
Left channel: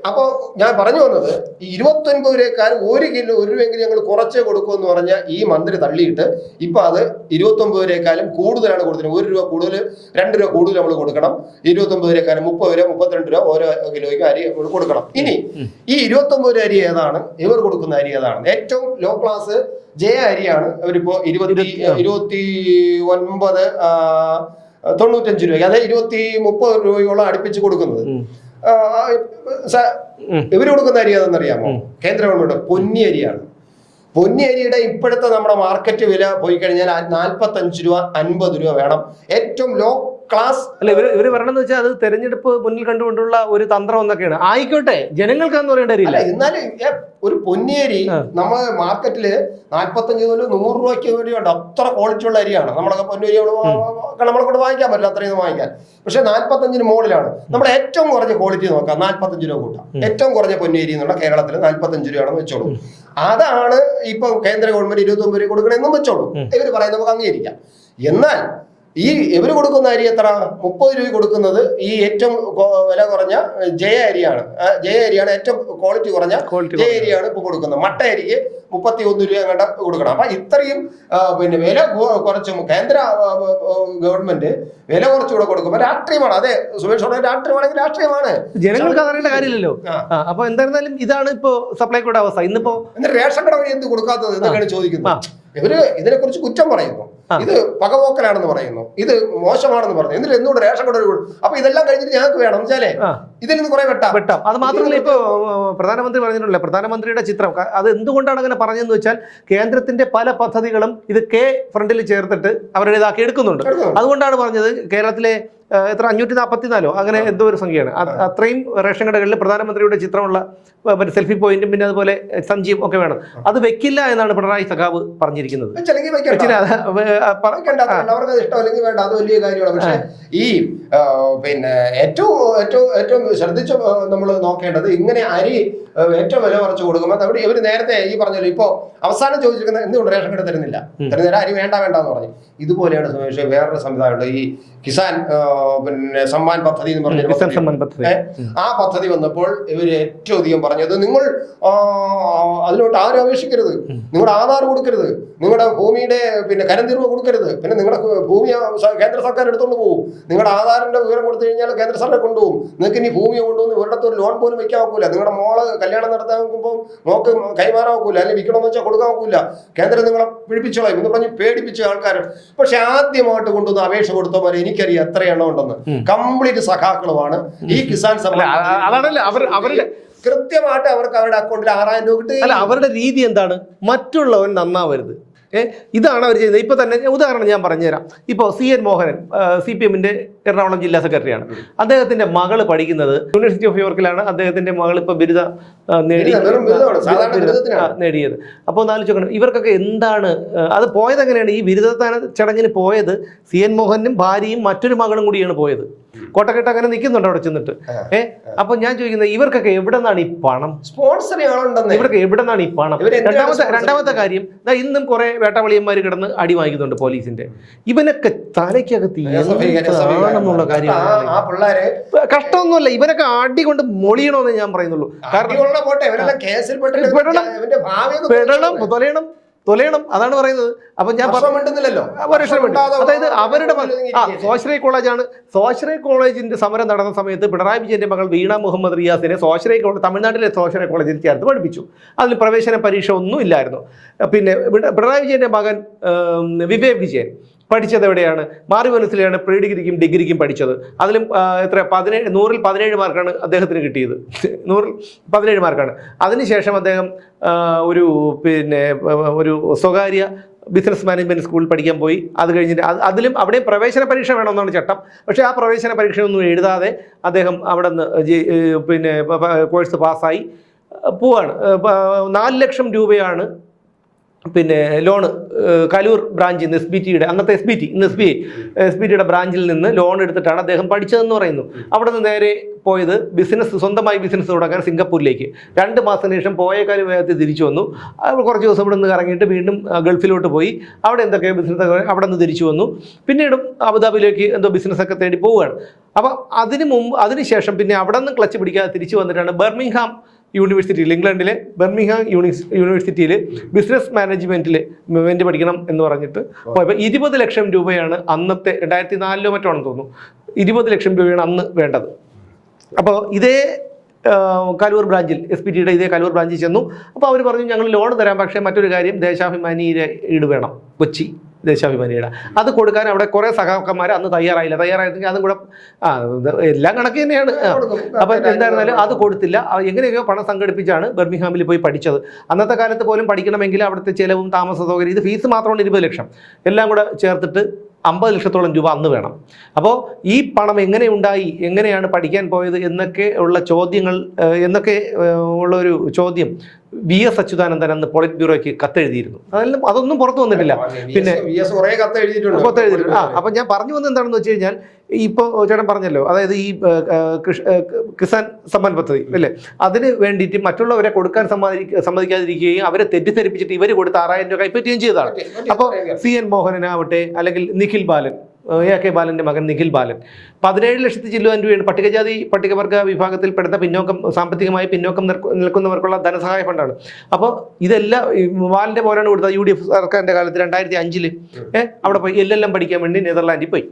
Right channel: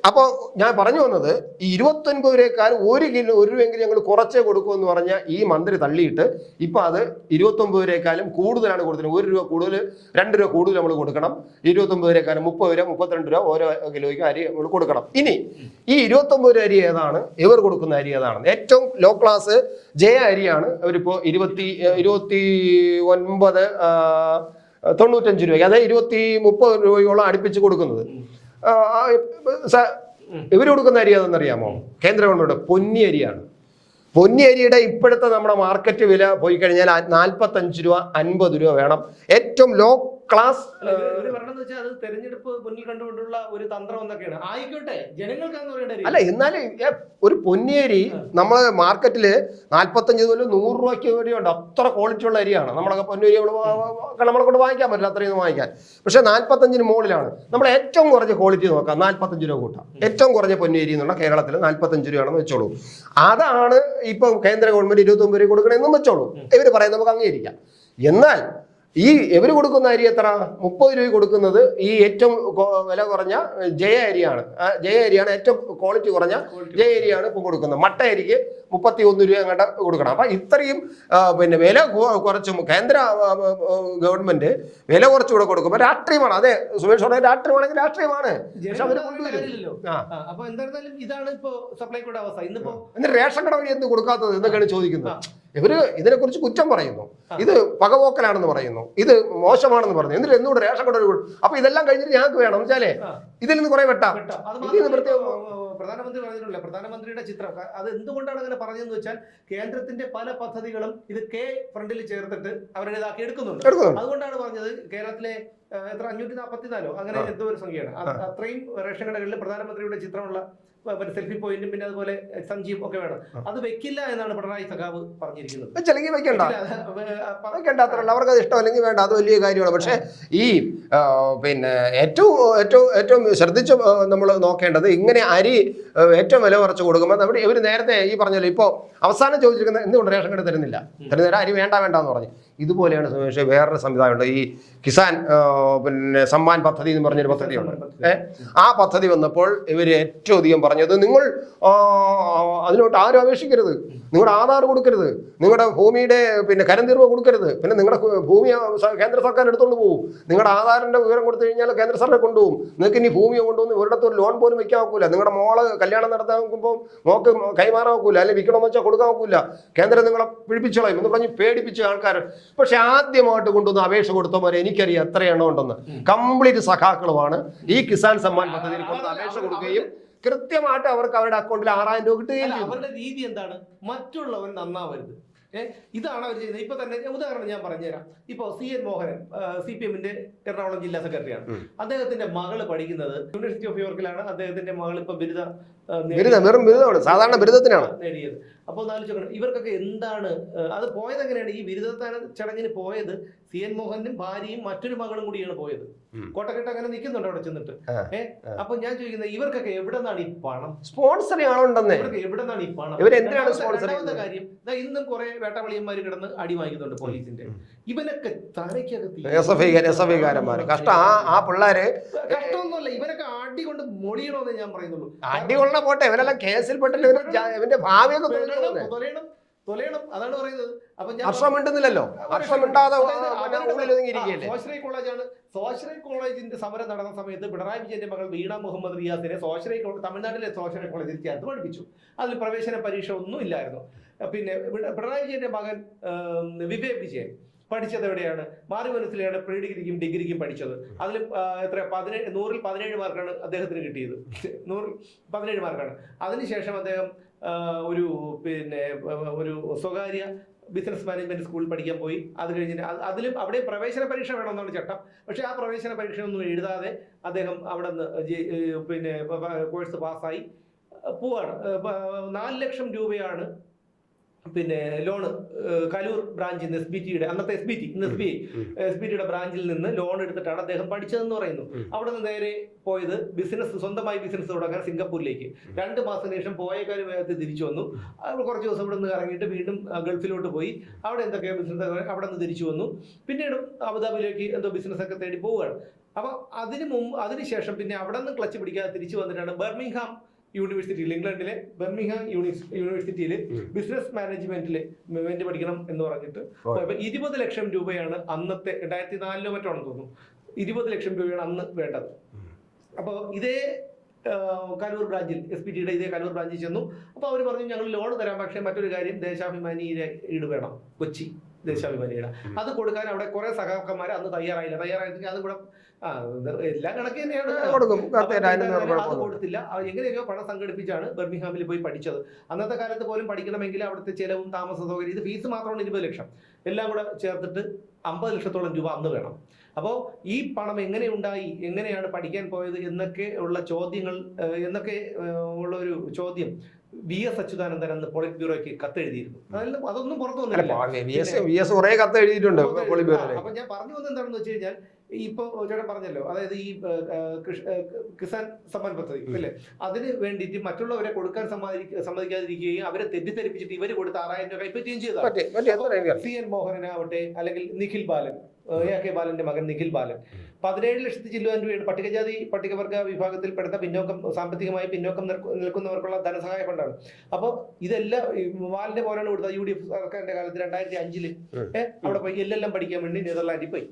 അപ്പൊ ഞാൻ പറഞ്ഞു വന്നത്, ഈ 29 രൂപയേക്കാൾ 1 കിലോ 1 രൂപയെങ്കിലും ഞങ്ങൾ കുറച്ചേ കൊടുക്കുമെന്ന് പറഞ്ഞ ഈ മന്ത്രി തള്ളിയിട്ട് ഇപ്പൊ അത് 29 രൂപയേക്കാളും കൂടുതലാണ് കൊടുത്തത്. 1 രൂപ കൂടുതൽ, 2 രൂപ കൂടുതൽ നമ്മൾ കൊടുക്കണം. 29 രൂപയേക്കാളും 30 രൂപ 32 രൂപ ഓരോ കിലോയ്ക്ക് അരി നമ്മൾ കൊടുക്കണം. ഇനി ഈ 29 രൂപ അരി ഏതാണ്? ഇവർ കൊടുക്കുന്ന അരി ഏതാണ്? ഏറ്റവും ലോ ക്ലാസ് ജയ അരിയാണ്. അവരിപ്പോ 29 95 രൂപ, അതായത് 30 രൂപയോളം അടുപ്പിച്ച് കൊടുക്കുന്നത്. ഇവര് കൊടുക്കുന്ന അരി അതെന്നറിയാമോ? കേന്ദ്ര ഗവൺമെന്റ് പൊന്നി അരിയാണ്. പൊന്നി അരിയുടെ ഇപ്പോഴത്തെ നമ്മുടെ മാർക്കറ്റ് വില പോയി കഴിഞ്ഞാൽ 45 രൂപ 50 രൂപ വേണം. ഏറ്റവും ലോ ക്ലാസ് അല്ല, ഇവര് പറയണെന്ന് വെച്ചാൽ അത് തെരഞ്ഞെടുപ്പ് മുന്നിൽ കണ്ടുകൊണ്ടുള്ള ഒരു തന്ത്രം എന്നൊക്കെയാണ്. ആയിക്കോട്ടെ, ജനങ്ങൾക്കാന്ന് പറയേണ്ട അല്ല. എന്നാലും ഒരു പൊന്നിയരി നമ്മള് മാർക്കറ്റില് 45 മുതൽ 100 രൂപയ്ക്ക് വരെയുണ്ട്. അത്ര ക്വാളിറ്റി ഉള്ള അരിയാണ്. നമ്മളൊക്കെ പൊന്നരി നമ്മളെ കൊണ്ട് വാങ്ങിക്കാൻ പറ്റില്ല, അത്രയും വാങ്ങിക്കാൻ. പക്ഷെ 45 മുകളിലാണ്. നമ്മുടെ ഏറ്റവും കുറഞ്ഞ ക്വാളിറ്റി നോക്കാം, 45 രൂപ കൂട്ടാം. ഏറ്റവും കുറഞ്ഞ പൊന്നിയരി എന്നുള്ള കേരളത്തിൽ 45 രൂപയാണെന്ന് വെച്ചോളൂ. അതാണ് ഇപ്പൊ കേന്ദ്ര ഗവൺമെന്റ് 29 രൂപ കൊടുക്കണമെന്നും വെച്ചോളൂ. ഇവര് പറയാൻ നമുക്ക് അംഗീകരിക്കാം. എന്നാൽ ഈ ഇവര് കൊടുക്കുന്ന അരി എത്ര? 30 രൂപ കൊടുക്കുന്നത് ഈ ഏറ്റവും വില കുറഞ്ഞ ജയ അരിയാണ്. ജയ അരിയാണ് ഏറ്റവും ക്വാളിറ്റി കുറഞ്ഞ ജയ അരിയാണ് ഇപ്പൊ കൊടുക്കുന്നത്. മട്ട അരിക്ക് 31 രൂപ അങ്ങോട്ട് കൊടുക്കണം. അപ്പൊ ഇത്രയും വില കുറച്ചും കേന്ദ്ര ഗവൺമെന്റ് വില കുറച്ചുകൂടെ കൊടുക്കുമ്പോൾ രാഷ്ട്രീയമാണ്. അതെ സുമേഷ്, രാഷ്ട്രീയമാണെങ്കിൽ രാഷ്ട്രീയമാണ്. ജനങ്ങൾക്ക് അറിയേണ്ട കാര്യമില്ലല്ലോ. അപ്പൊ എന്തായിരുന്നാലും ഇതാണ് ഇപ്പോ സപ്ലൈകോയുടെ അവസ്ഥ. ഇന്നിപ്പോ റേഷൻ കട വഴി എന്ത് കൊടുക്കാത്തത് എന്നൊക്കെയാണ് ചോദിക്കുന്നത്. ഇവര് ഇതിനെ കുറിച്ച് കുറ്റം പറയുന്നു. ഇത് പകപോക്കലാണെന്ന് പറയുന്നു, ഇത് മോശമാണെന്ന് പറഞ്ഞു, എന്നിട്ട് എന്തുകൊണ്ട് റേഷൻ കട അപ്പൊ ഇതെല്ലാം കഴിഞ്ഞിട്ട് ഞങ്ങൾക്ക് വേണം വെച്ചാലേ ഇതിൽ നിന്ന് കുറെ വെട്ടാം. അത് മാത്രമല്ല ഇപ്പൊ പ്രധാനമന്ത്രി പറഞ്ഞിട്ടുള്ള പ്രധാനമന്ത്രിയുടെ ചിത്രം അത് എന്തുകൊണ്ടാണ് അങ്ങനെ പറഞ്ഞതെന്ന് വെച്ചാൽ കേന്ദ്രത്തിന്റെ പല പദ്ധതികളും ഇത് ഫ്രണ്ടിൽ ചേർത്തിട്ട് അവരുടേതാക്കി എടുക്കുന്നുണ്ട്. അതുകൊണ്ടാണ് പറഞ്ഞത് കേരളത്തിലെ എത്ര 544 അങ്ങനെ എന്തോ ഒരു സംഖ്യയാണ്, അത്രയും റേഷൻ കടകളിൽ പ്രധാനമന്ത്രിയുടെ ചിത്രമുള്ള സെൽഫി പോയിന്റും പിന്നെ അതുപോലെ സഞ്ജീവ് ഒക്കെ വേണം. അത് വെക്കില്ല എന്നാണ് പിണറായി സഖാവ് പറഞ്ഞിരിക്കുന്നത്. അവർക്ക് ഇഷ്ടമല്ലെങ്കിൽ വേണ്ട, അത് വലിയ കാര്യമാണ്. പക്ഷെ ഈ പിന്നെ ഏറ്റവും ശ്രദ്ധിച്ച് നമ്മൾ നോക്കേണ്ടത് ഇങ്ങനെ അരി ഏറ്റവും വില കുറച്ച് കൊടുക്കുമ്പോൾ നമ്മുടെ ഇവർ നേരത്തെ ഈ പറഞ്ഞല്ലോ ഇപ്പൊ അവസാനം ചോദിച്ചിരിക്കുന്നത് എന്തുകൊണ്ട് റേഷൻ കട തരുന്നില്ല, അരി വേണ്ടെന്ന് പറഞ്ഞു. ഇതുപോലെയാണ് വേറൊരു സംവിധാനമുണ്ട്, ഈ കിസാൻ പിന്നെ സമ്മാൻ പദ്ധതി എന്ന് പറഞ്ഞ ആ പദ്ധതി വന്നപ്പോൾ ഇവര് ഏറ്റവും അധികം പറഞ്ഞത് നിങ്ങൾ അതിലോട്ട് ആരും അപേക്ഷിക്കരുത്, നിങ്ങളുടെ ആധാർ കൊടുക്കരുത്, നിങ്ങളുടെ ഭൂമിയുടെ പിന്നെ കരംതിരിവ് കൊടുക്കരുത്, പിന്നെ നിങ്ങളുടെ ഭൂമി കേന്ദ്ര സർക്കാർ എടുത്തോണ്ട് പോകും, നിങ്ങളുടെ ആധാറിന്റെ വിവരം കൊടുത്തു കഴിഞ്ഞാൽ കേന്ദ്ര സർക്കാർ കൊണ്ടുപോകും, നിങ്ങൾക്ക് ഇനി ഭൂമി കൊണ്ടുവന്ന് ഇവരുടെ ഒരു ലോൺ പോലും വെക്കാൻ ഒക്കില്ല, നിങ്ങളുടെ മോള് കല്യാണം നടത്താൻ നോക്കുമ്പോൾ മോക്ക് കൈമാറാൻ ഒക്കില്ല, അല്ലെങ്കിൽ വിൽക്കണമെന്ന് വെച്ചാൽ കൊടുക്കാൻ ഒക്കില്ല, കേന്ദ്രം നിങ്ങളെ പിടിപ്പിച്ചോളാം എന്ന് പറഞ്ഞ് പേടിപ്പിച്ച ആൾക്കാർ. പക്ഷെ ആദ്യമായിട്ട് കൊണ്ടുവന്ന് അപേക്ഷ കൊടുത്തവരെ എനിക്കറിയാം എത്ര എണ്ണം ഉണ്ടെന്ന്, കംപ്ലീറ്റ് സഖാക്കളുമാണ്. ഈ കിസാൻ അവരുടെ കൃത്യമായിട്ട് അവർക്ക് അവരുടെ അക്കൗണ്ടിൽ 6000 രൂപ കിട്ടി. അല്ല, അവരുടെ രീതി എന്താണ്, മറ്റുള്ളവൻ നന്നാവരുത്, ഇതാണ് അവർ ചെയ്യുന്നത്. ഇപ്പൊ തന്നെ ഉദാഹരണം ഞാൻ പറഞ്ഞുതരാം. ഇപ്പോൾ CN മോഹനൻ CPM-ന്റെ എറണാകുളം ജില്ലാ സെക്രട്ടറിയാണ്. അദ്ദേഹത്തിന്റെ മകള് പഠിക്കുന്നത് യൂണിവേഴ്സിറ്റി ഓഫ് യോർക്കിലാണ്. അദ്ദേഹത്തിന്റെ മകൾ ഇപ്പൊ ബിരുദ നേടിയത്. അപ്പോൾ ഒന്ന് ആലോചിക്കണം, ഇവർക്കൊക്കെ എന്താണ് അത് പോയത്, എങ്ങനെയാണ് ഈ ബിരുദദാന ചടങ്ങിന് പോയത്? CN മോഹനും ഭാര്യയും മറ്റൊരു മകളും കൂടിയാണ് പോയത്. കോട്ടക്കെട്ട് അങ്ങനെ നിൽക്കുന്നുണ്ട് അവിടെ ചെന്നിട്ട്. അപ്പൊ ഞാൻ ചോദിക്കുന്നത് ഇവർക്കൊക്കെ എവിടെ നിന്നാണ് ഈ പണം? സ്പോൺസർ ഇവർക്ക് എവിടെ നിന്നാണ് ഈ പണം? രണ്ടാമത്തെ കാര്യം, ഇന്നും കുറെ വേട്ടവളിയന്മാർ കിടന്ന് അടി വാങ്ങിക്കുന്നുണ്ട് പോലീസിന്റെ. ഇവനൊക്കെ തലയ്ക്കകത്ത് കഷ്ടമൊന്നുമല്ല, ഇവനൊക്കെ അടി കൊണ്ട് മൊളിയണമെന്ന് ഞാൻ പറയുന്നുള്ളൂ. കാരണം തൊലയണം, അതാണ് പറയുന്നത്. അപ്പൊ ഞാൻ അതായത് അവരുടെ സ്വാശ്രയ കോളേജാണ്. സ്വാശ്രയ കോളേജിന്റെ സമരം നടന്ന സമയത്ത് പിണറായി വിജയന്റെ മകൾ വീണ മുഹമ്മദ് റിയാസിനെ സ്വാശ്രയ കോളേജ് തമിഴ്നാട്ടിലെ സ്വാശ്രയ കോളേജിൽ ചേർത്ത് പഠിപ്പിച്ചു. അതിൽ പ്രവേശന പരീക്ഷ ഒന്നും ഇല്ലായിരുന്നു. പിന്നെ പിണറായി വിജയന്റെ മകൻ വിവേക് വിജയൻ പഠിച്ചത് എവിടെയാണ്? മാറിമനസ്സിലാണ് പ്രീ ഡിഗ്രിക്കും ഡിഗ്രിക്കും പഠിച്ചത്. അതിലും എത്ര 100-ൽ 17 മാർക്കാണ് അദ്ദേഹത്തിന് കിട്ടിയത്. 100-ൽ 17 മാർക്കാണ്. അതിനുശേഷം അദ്ദേഹം ഒരു സ്വകാര്യ ബിസിനസ് മാനേജ്മെന്റ് സ്കൂളിൽ പഠിക്കാൻ പോയി. അത് കഴിഞ്ഞിട്ട് അതിലും അവിടെയും പ്രവേശന പരീക്ഷ വേണമെന്നാണ് ചട്ടം. പക്ഷേ ആ പ്രവേശന പരീക്ഷയൊന്നും എഴുതാതെ അദ്ദേഹം അവിടെ നിന്ന് കോഴ്സ് പാസ്സായി പോവാണ്. 4 ലക്ഷം രൂപയാണ് ലോണ് കലൂർ ബ്രാഞ്ചിൽ നിന്ന് SBTയുടെ അന്നത്തെ ഇന്ന് SBTയുടെ ബ്രാഞ്ചിൽ നിന്ന് ലോൺ എടുത്തിട്ടാണ് അദ്ദേഹം പഠിച്ചതെന്ന് പറയുന്നു. അവിടെ നിന്ന് നേരെ പോയത് സ്വന്തമായി ബിസിനസ് തുടങ്ങാൻ സിംഗപ്പൂരിലേക്ക്. 2 മാസത്തിന് ശേഷം പോയ കാര്യം വേഗത്തിൽ തിരിച്ചു വന്നു. കുറച്ച് ദിവസം ഇവിടെ നിന്ന് ഇറങ്ങിയിട്ട് വീണ്ടും ഗൾഫിലോട്ട് പോയി. അവിടെ എന്തൊക്കെ ബിസിനസ് അവിടെ നിന്ന് തിരിച്ചു വന്നു. പിന്നീടും അബുദാബിയിലേക്ക് എന്തോ ബിസിനസ്സൊക്കെ തേടി പോവുകയാണ്. അപ്പോൾ അതിനുശേഷം പിന്നെ അവിടെ നിന്ന് ക്ലച്ച് പിടിക്കാതെ തിരിച്ചു വന്നിട്ടാണ് ബർമിംഗ്ഹാം യൂണിവേഴ്സിറ്റിയിൽ, ഇംഗ്ലണ്ടിലെ ബർമിംഗ്ഹാം യൂണിവേഴ്സിറ്റിയിൽ ബിസിനസ് മാനേജ്മെന്റ് പഠിക്കണം എന്ന് പറഞ്ഞിട്ട് പോയപ്പോൾ 20 ലക്ഷം രൂപയാണ് അന്നത്തെ 2004 മറ്റാണെന്ന് തോന്നുന്നു. 20 ലക്ഷം രൂപയാണ് അന്ന് വേണ്ടത്. അപ്പോൾ ഇതേ കലൂർ ബ്രാഞ്ചിൽ SBTയുടെ ഇതേ കലൂർ ബ്രാഞ്ചിൽ ചെന്നു. അപ്പോൾ അവർ പറഞ്ഞു ഞങ്ങൾ ലോൺ തരാം, പക്ഷേ മറ്റൊരു കാര്യം ദേശാഭിമാനിയുടെ ഈട് വേണം, കൊച്ചി ദേശാഭിമാനിയുടെ. അത് കൊടുക്കാൻ അവിടെ കുറേ സഖാക്കന്മാർ അന്ന് തയ്യാറായിരുന്നെങ്കിൽ അതും കൂടെ എല്ലാം കണക്ക് തന്നെയാണ്. അപ്പം എന്തായിരുന്നാലും അത് കൊടുത്തില്ല. എങ്ങനെയൊക്കെയോ പണം സംഘടിപ്പിച്ചാണ് ബർമിംഗ്ഹാമിൽ പോയി പഠിച്ചത്. അന്നത്തെ കാലത്ത് പോലും പഠിക്കണമെങ്കിൽ അവിടുത്തെ ചിലവും താമസ സൗകര്യം, ഇത് ഫീസ് മാത്രമാണ് 20 ലക്ഷം, എല്ലാം കൂടെ ചേർത്തിട്ട് 50 ലക്ഷത്തോളം രൂപ അന്ന് വേണം. അപ്പോൾ ഈ പണം എങ്ങനെ ഉണ്ടായി, എങ്ങനെയാണ് പഠിക്കാൻ പോയത് എന്നൊക്കെ ഉള്ള ചോദ്യങ്ങൾ, ഉള്ളൊരു ചോദ്യം VS അച്യുതാനന്ദൻ അന്ന് പോളിറ്റ് ബ്യൂറോയ്ക്ക് കത്തെഴുതിയിരുന്നു. അതൊന്നും പുറത്തു വന്നിട്ടില്ല. പിന്നെ കത്തെഴുതിയിട്ടുണ്ട്. അപ്പൊ ഞാൻ പറഞ്ഞു വന്നത് എന്താണെന്ന് വെച്ച് കഴിഞ്ഞാൽ, ഇപ്പോൾ ചേട്ടൻ പറഞ്ഞല്ലോ, അതായത് ഈ കിസാൻ സമ്മാൻ പദ്ധതി അല്ലേ, അതിന് വേണ്ടിയിട്ട് മറ്റുള്ളവരെ കൊടുക്കാൻ സമ്മതിക്കാതിരിക്കുകയും അവരെ തെറ്റിദ്ധരിപ്പിച്ചിട്ട് ഇവർ കൊടുത്ത് 6000 രൂപ കൈപ്പറ്റുകയും ചെയ്തതാണ്. അപ്പോൾ CN മോഹനനാവട്ടെ, അല്ലെങ്കിൽ നിഖിൽ ബാലൻ, AK ബാലന്റെ മകൻ നിഖിൽ ബാലൻ 17 ലക്ഷത്തി ചില്ലുവാൻ രൂപയാണ് പട്ടികജാതി പട്ടികവർഗ വിഭാഗത്തിൽപ്പെടുന്ന സാമ്പത്തികമായി പിന്നോക്കം നിൽക്കുന്നവർക്കുള്ള ധനസഹായ ഫണ്ടാണ്. അപ്പോൾ ഇതെല്ലാം ബാലന്റെ മോനാണ് കൊടുത്തത്. UDF സർക്കാരിന്റെ കാലത്ത് 2005 അവിടെ പോയി LLM പഠിക്കാൻ വേണ്ടി നെതർലാൻഡിൽ പോയി.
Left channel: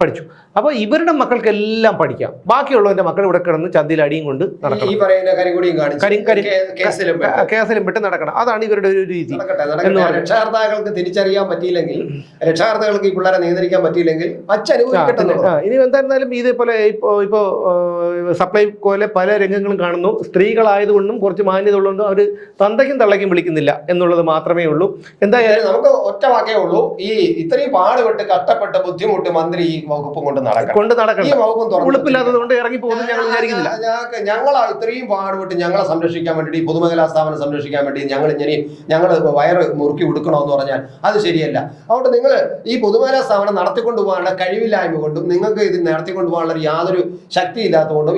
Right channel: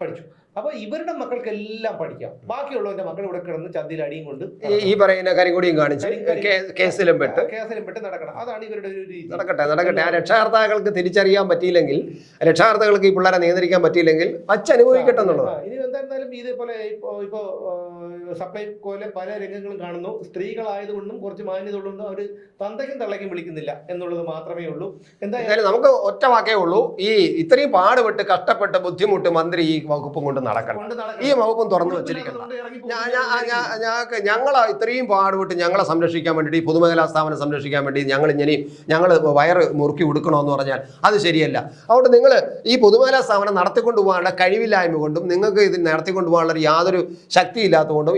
പഠിച്ചു. അപ്പോൾ ഇവരുടെ മക്കൾക്കെല്ലാം പഠിക്കാം. ബാക്കിയുള്ളവന്റെ മക്കൾ ഇവിടെ കിടന്ന് ചന്തിയിൽ അടിയും കൊണ്ട് ഈ പറയുന്ന കരിങ്കൊടിയും കേസിലും പെട്ട് നടക്കണം. അതാണ് ഇവരുടെ ഒരു രീതി. രക്ഷാകർത്താക്കൾക്ക് തിരിച്ചറിയാൻ പറ്റിയില്ലെങ്കിൽ, രക്ഷാകർത്താക്കൾക്ക് ഈ പിള്ളേരെ നിയന്ത്രിക്കാൻ പറ്റിയില്ലെങ്കിൽ ഇനി എന്തായിരുന്നാലും ഇതേപോലെ ഇപ്പോ സപ്ലൈകോയിലെ പല രംഗങ്ങളും കാണുന്നു. സ്ത്രീകളായതുകൊണ്ടും കുറച്ച് മാന്യത ഉള്ളതുകൊണ്ടും അവർ തന്തയ്ക്കും തള്ളയ്ക്കും വിളിക്കുന്നില്ല എന്നുള്ളത് മാത്രമേ ഉള്ളൂ. എന്തായാലും നമുക്ക് ഒറ്റ വാക്കേ ഉള്ളൂ, ഈ ഇത്രയും പാടുപെട്ട് കഷ്ടപ്പെട്ട് ബുദ്ധിമുട്ട് മന്ത്രി ഈ വകുപ്പ് കൊണ്ട് നടക്കണം. ഈ വകുപ്പും ഉറപ്പില്ലാത്തതുകൊണ്ട് ഇറങ്ങി പോകുന്നു ഞങ്ങൾ വിചാരിക്കുന്നില്ല. ഞങ്ങൾ ഇത്രയും പാടുപെട്ട് ഞങ്ങളെ സംരക്ഷിക്കാൻ വേണ്ടി, ഈ പൊതുമേഖലാ സ്ഥാപനം സംരക്ഷിക്കാൻ വേണ്ടി ഞങ്ങൾ വയറ് മുറുക്കി കൊടുക്കണമെന്ന് പറഞ്ഞാൽ അത് ശരിയല്ല. അതുകൊണ്ട് നിങ്ങൾ ഈ പൊതുമേഖലാ സ്ഥാപനം നടത്തിക്കൊണ്ടു പോകാനുള്ള കഴിവില്ലായ്മ കൊണ്ടും നിങ്ങൾക്ക് ഇത് നടത്തിക്കൊണ്ടു പോകാനുള്ള യാതൊരു ശക്തി ഇല്ലാത്തതുകൊണ്ടും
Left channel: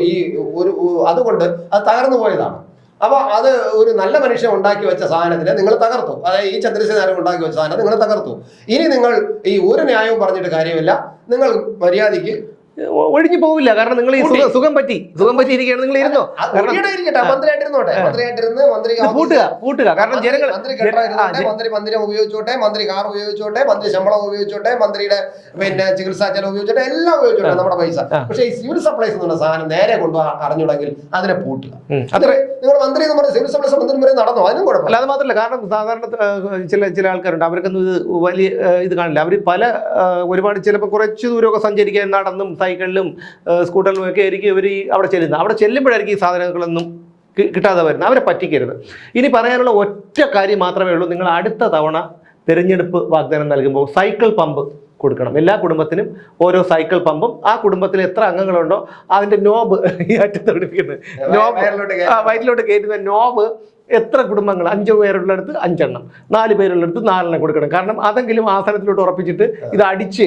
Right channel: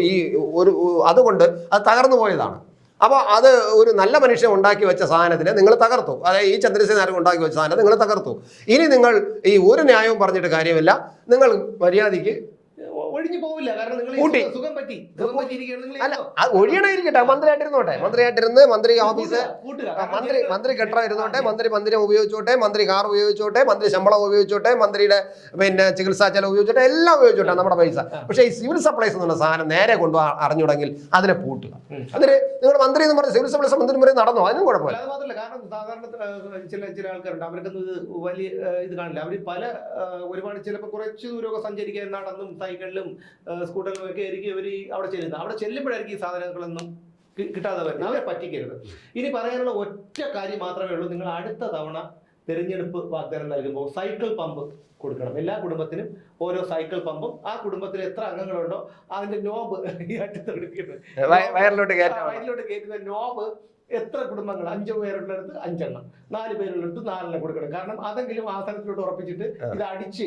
അതുകൊണ്ട് അത് തകർന്നു പോയതാണ്. അപ്പൊ അത് ഒരു നല്ല മനുഷ്യൻ ഉണ്ടാക്കി വെച്ച സാധനത്തിന് നിങ്ങൾ തകർത്തു. അതായത് ഈ ചന്ദ്രശേഖരൻ ഉണ്ടാക്കി വെച്ച സാധനം നിങ്ങൾ തകർത്തു. ഇനി നിങ്ങൾ ഈ ഒരു ന്യായവും പറഞ്ഞിട്ട് കാര്യമില്ല. നിങ്ങൾ മര്യാദയ്ക്ക് ഒഴിഞ്ഞു പോവില്ല. കാരണം നിങ്ങൾ ഈ സുഖം പറ്റിയിരിക്കുകയാണ്. നിങ്ങൾ ഇരുന്നോ, പൂട്ടുക. കാരണം ജനങ്ങൾ മന്ദിരം ഉപയോഗിച്ചോട്ടെ, മന്ത്രി കാർ ഉപയോഗിച്ചോട്ടെ, മന്ത്രി ശമ്പളം ഉപയോഗിച്ചോട്ടെ, മന്ത്രിയുടെ പിന്നെ ചികിത്സാ ചെലവ് ഉപയോഗിച്ചോട്ടെ, എല്ലാം ഉപയോഗിച്ചോട്ടെ നമ്മുടെ പൈസ. പക്ഷെ ഈ സിവിൽ സപ്ലൈസ് എന്നുള്ള സാധനം നേരെ അറിഞ്ഞുണ്ടെങ്കിൽ അതിനെ പൂട്ടുക. നിങ്ങൾ മന്ത്രി എന്ന് പറഞ്ഞ സിവിൽ സപ്ലൈസ് മന്ത്രി വരെ നടന്നോ, അതിനും കുഴപ്പമില്ല. അത് മാത്രമല്ല, കാരണം സാധാരണ ചില ആൾക്കാരുണ്ട്, അവർക്കൊന്നും ഇത് വലിയ ഇത് കാണില്ല. അവർ ഒരുപാട് ചിലപ്പോൾ കുറച്ച് ദൂരമൊക്കെ സഞ്ചരിക്കാൻ നടന്നും സൈക്കിളിലും സ്കൂട്ടറിലും ഒക്കെ ആയിരിക്കും ഇവർ അവിടെ ചെല്ലുന്നത്. അവിടെ ചെല്ലുമ്പോഴായിരിക്കും ഈ സാധനങ്ങളൊന്നും കിട്ടാതെ വരുന്നത്. അവരെ പറ്റിക്കരുത്. ഇനി പറയാനുള്ള ഒറ്റ കാര്യം മാത്രമേ ഉള്ളൂ, നിങ്ങൾ അടുത്ത തവണ തിരഞ്ഞെടുപ്പ് വാഗ്ദാനം നൽകുമ്പോൾ സൈക്കിൾ പമ്പ് കൊടുക്കണം. എല്ലാ കുടുംബത്തിനും ഓരോ സൈക്കിൾ പമ്പും. ആ കുടുംബത്തിൽ എത്ര അംഗങ്ങളുണ്ടോ അതിന്റെ നോബ് ഈ അറ്റത്ത് പിടിപ്പിക്കുന്നത്, വയറ്റിലോട്ട് കയറ്റുന്ന നോബ് എത്ര കുടുംബങ്ങൾ, 5 പേരുള്ളിടത്ത് 5 എണ്ണം, 4 പേരുള്ളിടത്ത് 4 എണ്ണം കൊടുക്കണം. കാരണം അതെങ്കിലും ആസനത്തിലോട്ട് ഉറപ്പിച്ചിട്ട് ഇത് അടിച്ച്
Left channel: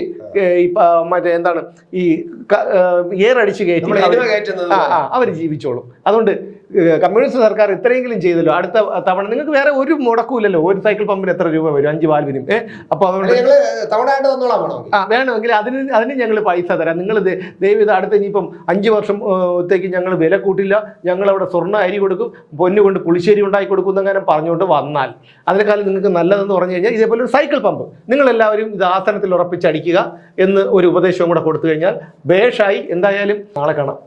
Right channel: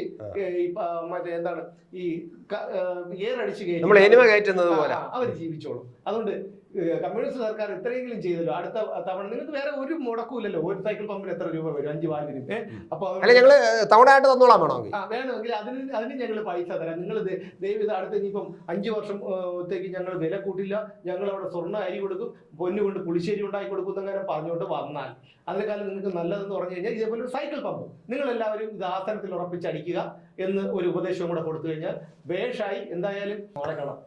മറ്റേ എന്താണ് ഈ ഏറടിച്ച് കയറ്റി അവർ ജീവിച്ചോളും. അതുകൊണ്ട് കമ്മ്യൂണിസ്റ്റ് സർക്കാർ ഇത്രയെങ്കിലും ചെയ്തല്ലോ. അടുത്ത തവണ നിങ്ങൾക്ക് വേറെ ഒരു മുടക്കൂല്ലല്ലോ. ഒരു സൈക്കിൾ പമ്പിന് എത്ര രൂപ വരും? 5 വാൽവിനും. അപ്പൊ അതുകൊണ്ട് വേണമെങ്കിൽ അതിന് ഞങ്ങൾ പൈസ തരാം. നിങ്ങൾ ദയവ് ഇത് അടുത്ത ഇനിയിപ്പം 5 വർഷത്തേക്ക് ഞങ്ങൾ വില കൂട്ടില്ല, ഞങ്ങൾ അവിടെ സ്വർണ്ണ അരി കൊടുക്കും, പൊന്നു കൊണ്ട് പുളിശ്ശേരി ഉണ്ടാക്കി കൊടുക്കും എന്നങ്ങനെ പറഞ്ഞുകൊണ്ട് വന്നാൽ അതിനേക്കാളും നിങ്ങൾക്ക് നല്ലതെന്ന് പറഞ്ഞു കഴിഞ്ഞാൽ ഇതേപോലെ ഒരു സൈക്കിൾ പമ്പ് നിങ്ങളെല്ലാവരും ഇത് ആസനത്തിൽ ഉറപ്പിച്ചടിക്കുക എന്ന് ഒരു ഉപദേശവും കൂടെ കൊടുത്തു കഴിഞ്ഞാൽ ബേഷായി. എന്തായാലും നാളെ കാണാം.